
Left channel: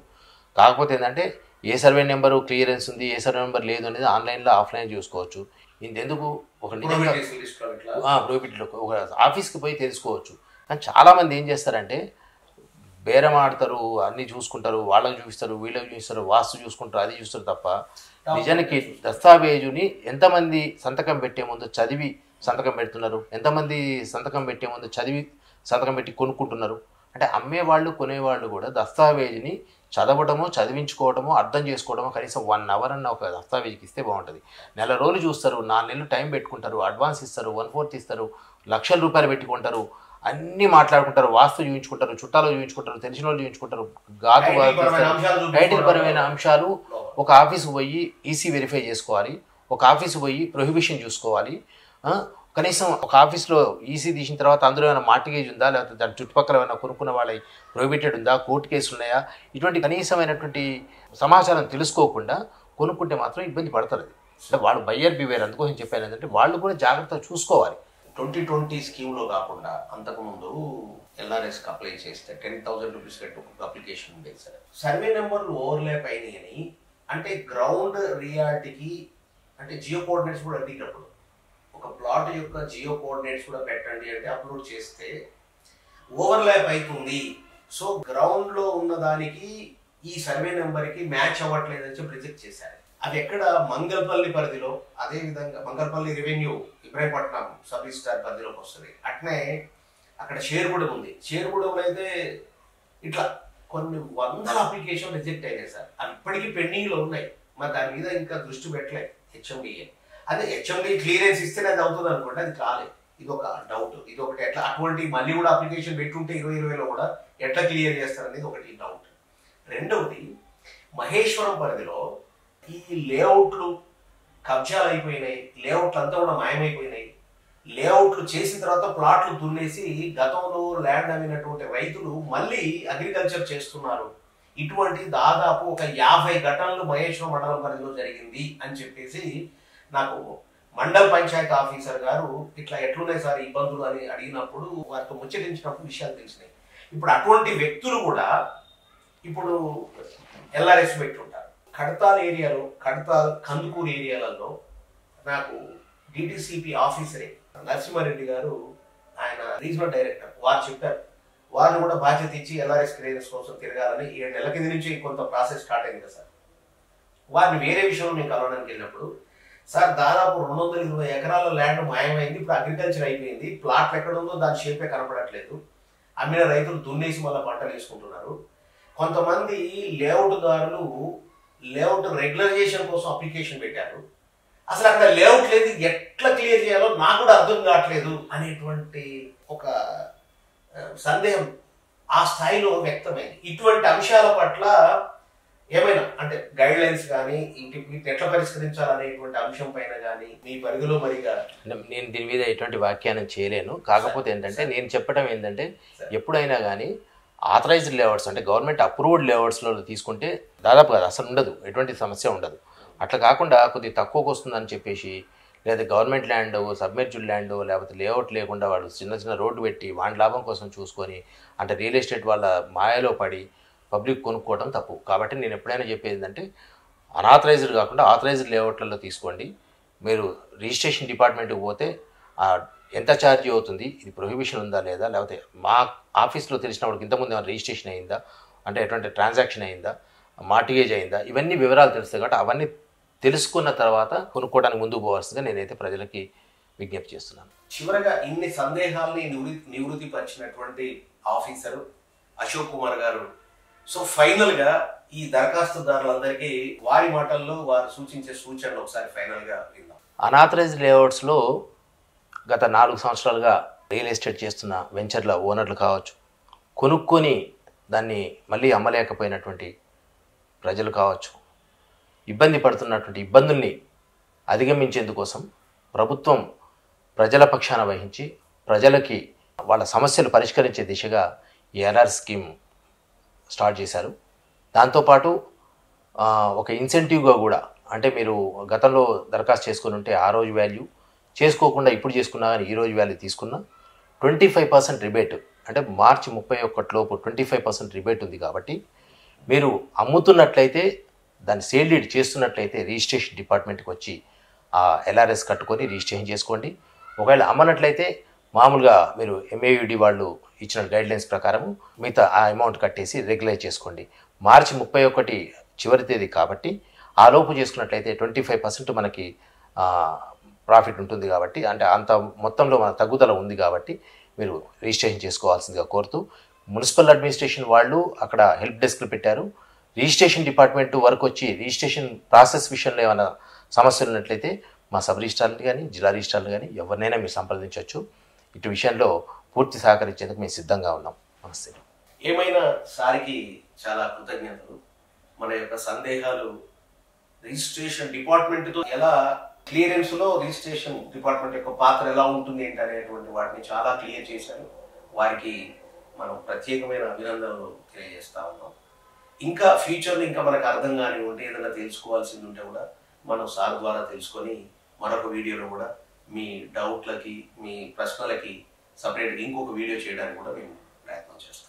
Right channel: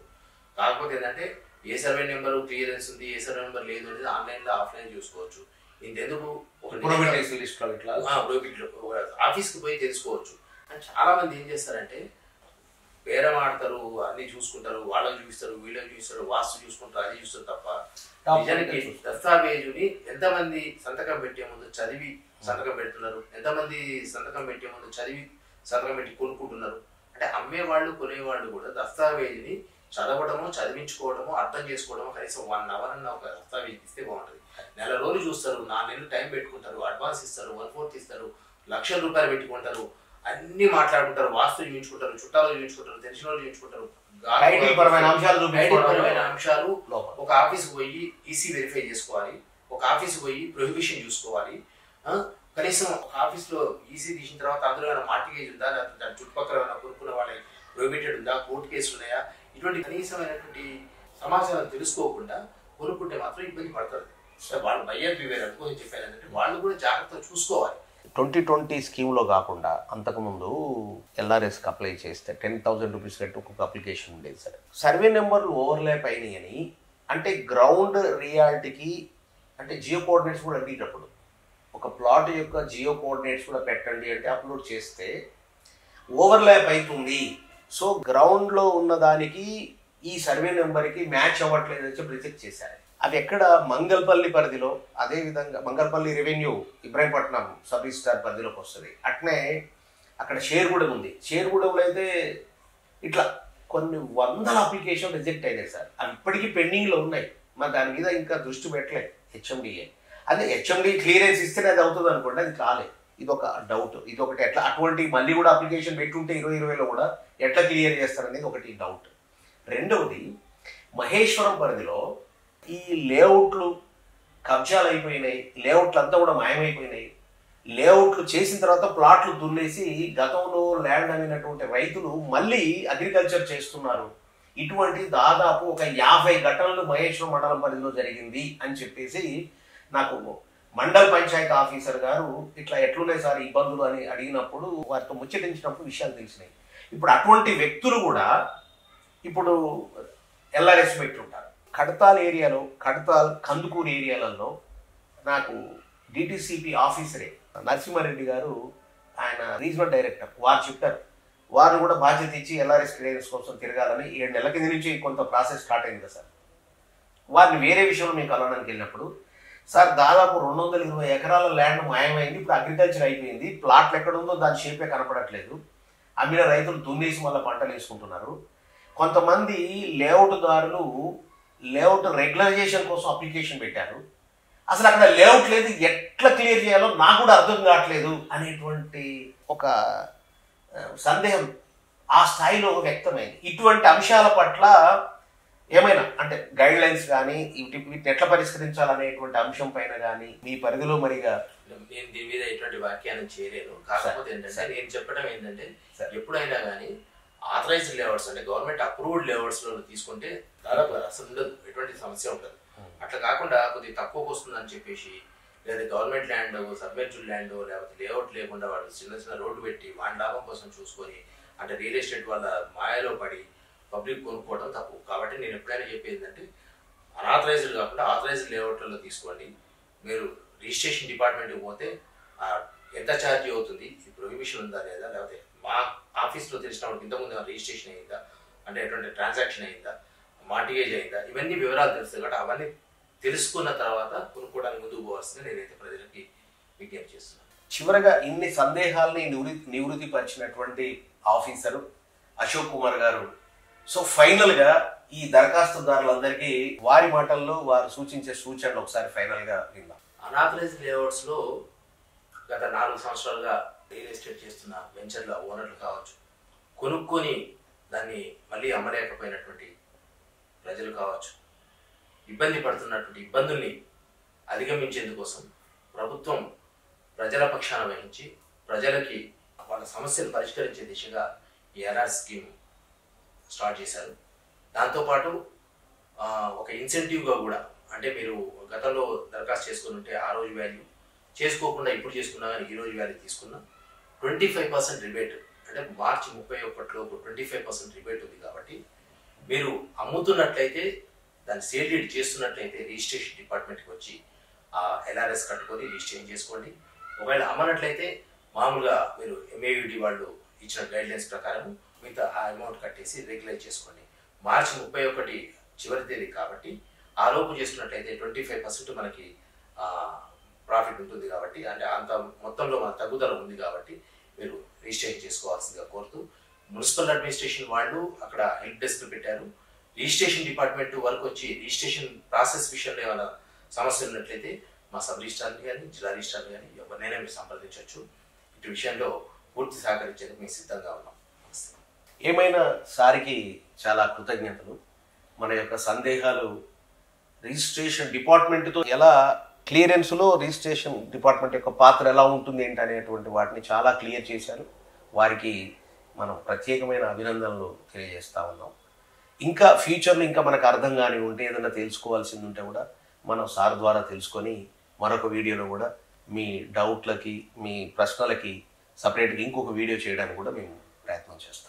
కాకపోతే ఏంటంటే ఏ సర్వే నెంబరు క్లియరెన్స్ ఉంది, ఏ సర్వే నెంబర్ లేదు అనేది ఆన్లైన్లో ఆఫ్లైన్ చూసుకోవచ్చు. ఇందుకు ఒక ఒక ఆఫీస్కి పోయి తెలుసుకోవచ్చు. కానీ చాలామంది ఏం చేస్తారంటే బేరం ఆడతారు, అన్నీ చూసుకుంటారు, వాళ్ళకి చూపిస్తారు, వీళ్ళకి చూపిస్తారు, వాస్తు చూసుకుంటారు, అది చూస్తారు తప్ప నిజానికి దస్తావేజుని ఎంతమంది సంతకం పెట్టే ముందు చదివి సంతకం పెడుతున్నారు, ఎంతమంది సంతకం పెట్టే ముందు చదివి సంతకం పెట్టి కొనుక్కుంటున్నారు. అంటే అమ్మేవాళ్ళు కొనేవాళ్ళు కూడా దస్తావేజుని చదవడమో చదివించుకోవడమో అర్థం చేసుకోవడమో కనీసం 1 hour అన్న ఒక దస్తావేజీకి ఇస్తే బాగుంటుంది. నెల రోజులు చూస్తారు, 4 నెలలు టైం పెట్టుకుంటారు, అడ్వాన్స్ ఇస్తారు, 1/4 ఇస్తారు, లక్షల రూపాయలు పెట్టుకుంటారు, అన్నీ మాట్లాడుకుంటారు, వాస్తు చూపించుకుంటారు, చుట్టాలు చూపించుకుంటారు, తెలిసిన వాళ్ళు చూపించుకుంటారు, పరమైన అంశాలు. ఒక ఆఫీస్కి పోయి ఈసీ వెరిఫై చేసుకోవాలి, ఒక ఆఫీస్కి పోయి ప్రొహిబిషన్ చూసుకోవాలి. కనీసం ఒక ఆఫీస్లో ఈసీ తీసిన తర్వాత అందులో ఏమైనా మార్టిగేజ్ ఉందా, లేకపోతే దాని చుట్టుపక్కల ఏమైనా కొనుక్కున్న వాళ్ళ ప్రొహిబిటెడ్ ఉందా, కోర్టు కేసులు ఉన్నాయా, ఇటువంటి కనీసమైనటువంటి సమాచారం తెలుసుకోకుండా కొనుక్కుంటే మాత్రం ఇబ్బంది పడతారు. అంటే వాళ్ళు బయ్యర్ బివేర్. అందుకోసం చెప్పాను ఏంటంటే వాళ్ళు కూడా జాగ్రత్తగా చూసుకోవాలి. 2020 స్కీమ్లో కాకుండా అంతకుముందు ఎల్ఆర్ఎస్కి అప్లై చేస్తే 10,000 రూపీస్ కట్టి ఒక అప్లికేషన్ ఉండేది సార్. సర్వే నెంబర్లు ఓవర్లాప్ అయినాయని అంటే గ్రౌండ్ రియాలిటీకి అంటే జియో కోఆర్డినేట్స్ కూడా అడిగినప్పుడు ఒక ప్లాట్ యొక్క జియో కోఆర్డినేట్స్ కూడా పెట్టండి అంటే అప్లోడ్ చేస్తే ఓవర్లాప్ అవుతుంది. సో గ్రౌండ్లో ఉన్న దానికి ఈ సర్వే నెంబర్కి మ్యాచ్ అవ్వట్లేదని చెప్పి రిజెక్ట్ చేశారు. అవి ఎక్కడ మంగళపల్లి పరిధిలో, అదేవిధంగా Mangalpalli revenue Ibrahimpatnam sub registrar పరిధిలోకి వస్తుంది. అట్నే అక్కడ షేర్గూడెం ఉంది. షేర్గూడెంలో అయితే ఇట్లా కొన్ని వందల అప్లికేషన్ రిజెక్ట్ అయినాయి సార్. అవి ఇప్పటికీ పెండింగ్లో ఉన్నాయి. మరి దాని మీద ఇంకా దృష్టి పెట్టలేదు హెచ్ఎండిఏ. అదే హెచ్ఎండి క్లియరెన్స్ ఇస్తేనే అది అవుతుంది అనుకోండి, అది కాలేదు. ఇది ఒక డౌట్. ఇది ఒకటి ఎట్లా అటువంటి మళ్ళీ కూడా అప్లికేషన్ పెట్టుంటే 2020లో కూడా ఎట్లా క్లియర్ చేస్తారనేది ఒకటి డౌట్. రెండవది, మహేశ్వరం పరిధిలో ఈ లేఅవుట్లు కబ్జాలు అయిపోయినాయి. లేఅవుట్లు అంతా కూడా మాయమైపోయినాయి. లేఅవుట్లు చేసిన తర్వాత ప్లాట్లు దున్నేసి గతంలో ల్యాండ్ అమ్మినటువంటి రైతులు మళ్ళీ అగ్రికల్చర్ చేస్తున్నారు. ఇటువంటి దాదాపు ఒక 50 ఘటనలు మహేశ్వరం మండలం పరిధిలో జరిగింది అని చెప్పేసి నాకు మండల పంచాయతీ ఆఫీసర్ గారు ఇట్లా ఎట్లున్నాయి సార్ ఇబ్బందులు అని అడిగినప్పుడు, వారితో ముచ్చటించినప్పుడు విషయాలు తెలిసినాయి. ఇప్పుడు అటువంటి వ్యక్తులు కూడా ఇప్పుడు ఎల్ఆర్ఎస్ పెట్టుంటారు. కడతాల్ ఏరియాలో, కడతాల్ కందుకూరు ఏరియాలలో నాకు డిటిసిపి ఆఫీసరే నరసింహారెడ్డి గారు, ఆయన రీజనల్ డైరెక్టర్, వారు చెప్పారు. వారిని కూడా బాధ్యత ఇచ్చి ఎల్ఆర్ఎస్ క్లియరెన్స్ కోసం తిరగాలని 7 నెలల కింద నుంచి కొంత ప్రాసెస్ స్టార్ట్ అయింది కదా సార్. వారిని వేరే విషయంలో మేము కలవడానికి వెళ్ళినప్పుడు, సార్ దాదాపు 220 ఎకరాల ల్యాండ్ మాయమైంది. ఇప్పుడు అగ్రికల్చర్ అయిపోయింది. ప్లాట్లు ఎక్కడ ఉందో దాని షేపే కనపడట్లేదు. అమ్మిన రైతులు దున్నేసి మళ్ళీ పంటలు వేసుకుంటున్నారు. కొంతమంది లేఅవుట్దారులు లేఅవుట్ రెగ్యులరైజేషన్ కోసం అప్లికేషన్ పెట్టారు. అసలు అక్కడ లేఅవుట్ లేదు, ఎట్లా క్లియర్ చేయాలో నాకు కూడా అర్థం కావట్లేదు అనేటువంటి ఒక సందేహం ఆ స్థాయిలో వ్యక్తమైంది. ఇటువంటి అంశాల పట్ల ఏమైనా అంటే గైడ్ లైన్స్ కానీ వీటిని ఎట్లా పరిష్కరించాలనేటువంటి అంశం పైన కానీ మీ పరిధిలో మరిగా నేను దీని మీద ఎటువంటి వ్యాఖ్యానం చేయలేను. కాకపోతే ఏంటంటే నేను చెప్పడం ఏంటంటే, ఎప్పుడైనా కానీ ఆథరైజ్డ్ లేఅవుట్స్ అంటే గవర్నమెంట్ అప్రూవ్డ్ లేఅవుట్స్లో తీసుకుంటే దాదాపు అది అసలు ఉండదు, ఎటువంటి సమస్య ఉండదు. అట్లా కాకుండా కొద్దిగా తక్కువకు వస్తుందని చెప్పేసి, లేదా గవర్నమెంట్ ల్యాండ్, సబ్మెర్జ్డ్ ల్యాండ్, లేకపోతే లేఅవుట్ లేకుండా వాడు చిన్న రోడ్డు పెట్టి వాడి లాభం కోసం చూసుకొని, అంటే రియల్ ఎస్టేట్ వాళ్ళ మాయలో పడి పబ్లిక్ కొనుక్కోవడం తప్పు. కాబట్టి నేను ఎప్పుడైనా చెప్పేది ఏంటంటే, అనాథరైజ్డ్ కాకుండా ఆథరైజ్డ్ లేఅవుట్లలో తీసుకోండి. మీరు రిజిస్ట్రేషన్ డిపార్ట్మెంట్కి పోతే ఎంత ఛార్జ్ అవుతుంది, ఇది ప్రొహిబిషన్ ఉందా లేదా, లేకపోతే మా ఆఫీస్లో తెలిసినప్పుడు ఇంతకుముందు ఏమైనా రిజిస్ట్రేషన్ అయిందా, అంటే ఎటువంటి ట్రాన్సాక్షన్ అయిందా, మార్టిగేజ్ అయిందా, ఇవన్నీ వివరాలు తెలుస్తాయి. కాబట్టి అవన్నీ తెలుసుకున్న తర్వాత కొనుక్కోవడానికి ముందుకు పోవాల్సిందిగా నేనైతే ప్రజలకి విజ్ఞప్తి చేస్తున్నాను. చివరగా ఇన్ని సందేహాల్ని నివృత్తి పరిచినటువంటి ఆఫీసరు అశోక్ కుమార్ గారు, సో ఫైనల్గా ఈ దరఖాస్తుదారులందరికీ వారి మాటల్లో వారు సూచించే సూచనలు ఒకసారి ఫైనల్గా విందాం. అనాథరైజ్డ్ లేఅవుట్స్లో గత 4 సంవత్సరాలుగా రియల్ ఎస్టేట్ చేస్తున్న వెంచర్ల ఓనర్లు కావచ్చు, కొనుక్కొని దాన్ని మళ్ళీ అమ్మలేకపోయినటువంటి ప్రజలు కావచ్చు, ఇబ్బంది పడుతున్నటువంటి ఇబ్బందుల్ని అధిగమించేందుకోసం ప్రభుత్వం ప్రజల పక్షాన వహించి ప్రజలకి వాళ్ళ సమస్యలు పరిష్కరించే దిశగా ఈ ఎల్ఆర్ స్కీమ్ స్టార్ట్ చేశారు. దాంతోపాటు ఒక ఇన్సెంటివ్గా కూడా, అంటే మీరు గతంలో దరఖాస్తు చేసుకుని ఉంటే ఆ రోజు వాల్యూ, చేసుకోకుండా ఇప్పుడు చేసుకున్నా కానీ ఈ రోజు వాల్యూ తీసుకున్నా 25% రిబేట్, అంటే మార్చి 31 లోపు 25% రిబేట్ ఉంది. కాబట్టి మీరు అమ్ముతున్నట్లయితే, దాన్ని సేల్ డీడ్ చేస్తున్నట్లయితే రిజిస్ట్రేషన్ డిపార్ట్మెంట్కి వచ్చి ఆ ఎల్ఆర్ఎస్ కట్టుకొని రిజిస్ట్రేషన్ చేసుకోండి. ఒకవేళ అమ్మనట్లయితే మామూలుగా మీరు ఎంఏయుడి వాళ్ళు ఇచ్చిన గైడ్లైన్స్ ప్రకారం మిగతా ఆ అమౌంట్ కట్టేసి రెగ్యులైజ్ చేసుకోండి. మార్చి 31 చివరి తేదీ కాబట్టి ఆ లోపు చేసుకున్నట్లయితే 25% మనకి ప్రాఫిట్ ఉంటుంది. కాబట్టి అంటే అంత మొత్తంలో మన తగ్గుదల ఉంది. కాబట్టి మీరు రిజిస్ట్రేషన్ చేసుకోవాల్సిందిగా కోరుతూ, మున్సిపల్ అడ్మినిస్ట్రేషన్ వాళ్ళు అక్కడ హెల్ప్ డెస్క్లు పెట్టారు. రిజిస్ట్రేషన్ డిపార్ట్మెంట్ వరకు వచ్చి రిజిస్ట్రేషన్ ప్రాసెస్ విషయంలో ఏమైనా సమస్యలు ఉన్నట్లయితే మా సబ్ రిజిస్ట్రార్లు కానీ జిల్లా రిజిస్ట్రార్లు కానీ ఎవరినైనా మీరు సంప్రదించవచ్చు. ఇటు విషయంలో పూర్తి సహకరించేందుకు మేము సిద్ధంగా ఉన్నాం. నమస్తే. ఏమైనా సారికి చాలా కృతజ్ఞతలు. మన యొక్క సందేహాలు రిజిస్ట్రేషన్ డిపార్ట్మెంట్తో ఎలా, క్లియరెన్స్లో రిజిస్ట్రేషన్ డిపార్ట్మెంట్ యొక్క పాత్ర ఎలా ఉంటుంది ఏంటి అనేటువంటి వాటిని చాలా క్లియర్ చేశారు. వారికి మనం ప్రత్యేకమైన అభినందనలు తెలియజేస్తా ఉన్నాం. ఇంకా ఫ్యూచర్లో ఇంకా మనకు అర్థం కాని ఉంటే, ఏదైనా తెలుసుకోవాల్సింది ఉంటే కూడా మనం సార్ ద్వారా తెలుసుకొని మరొక వీడియోలో కూడా మీ డౌట్లకి, మీ ప్రశ్నలకి సపరేట్గా ఇంకొక వీడియో చేయడానికి కూడా మేము ప్రయత్నం చేస్తాం.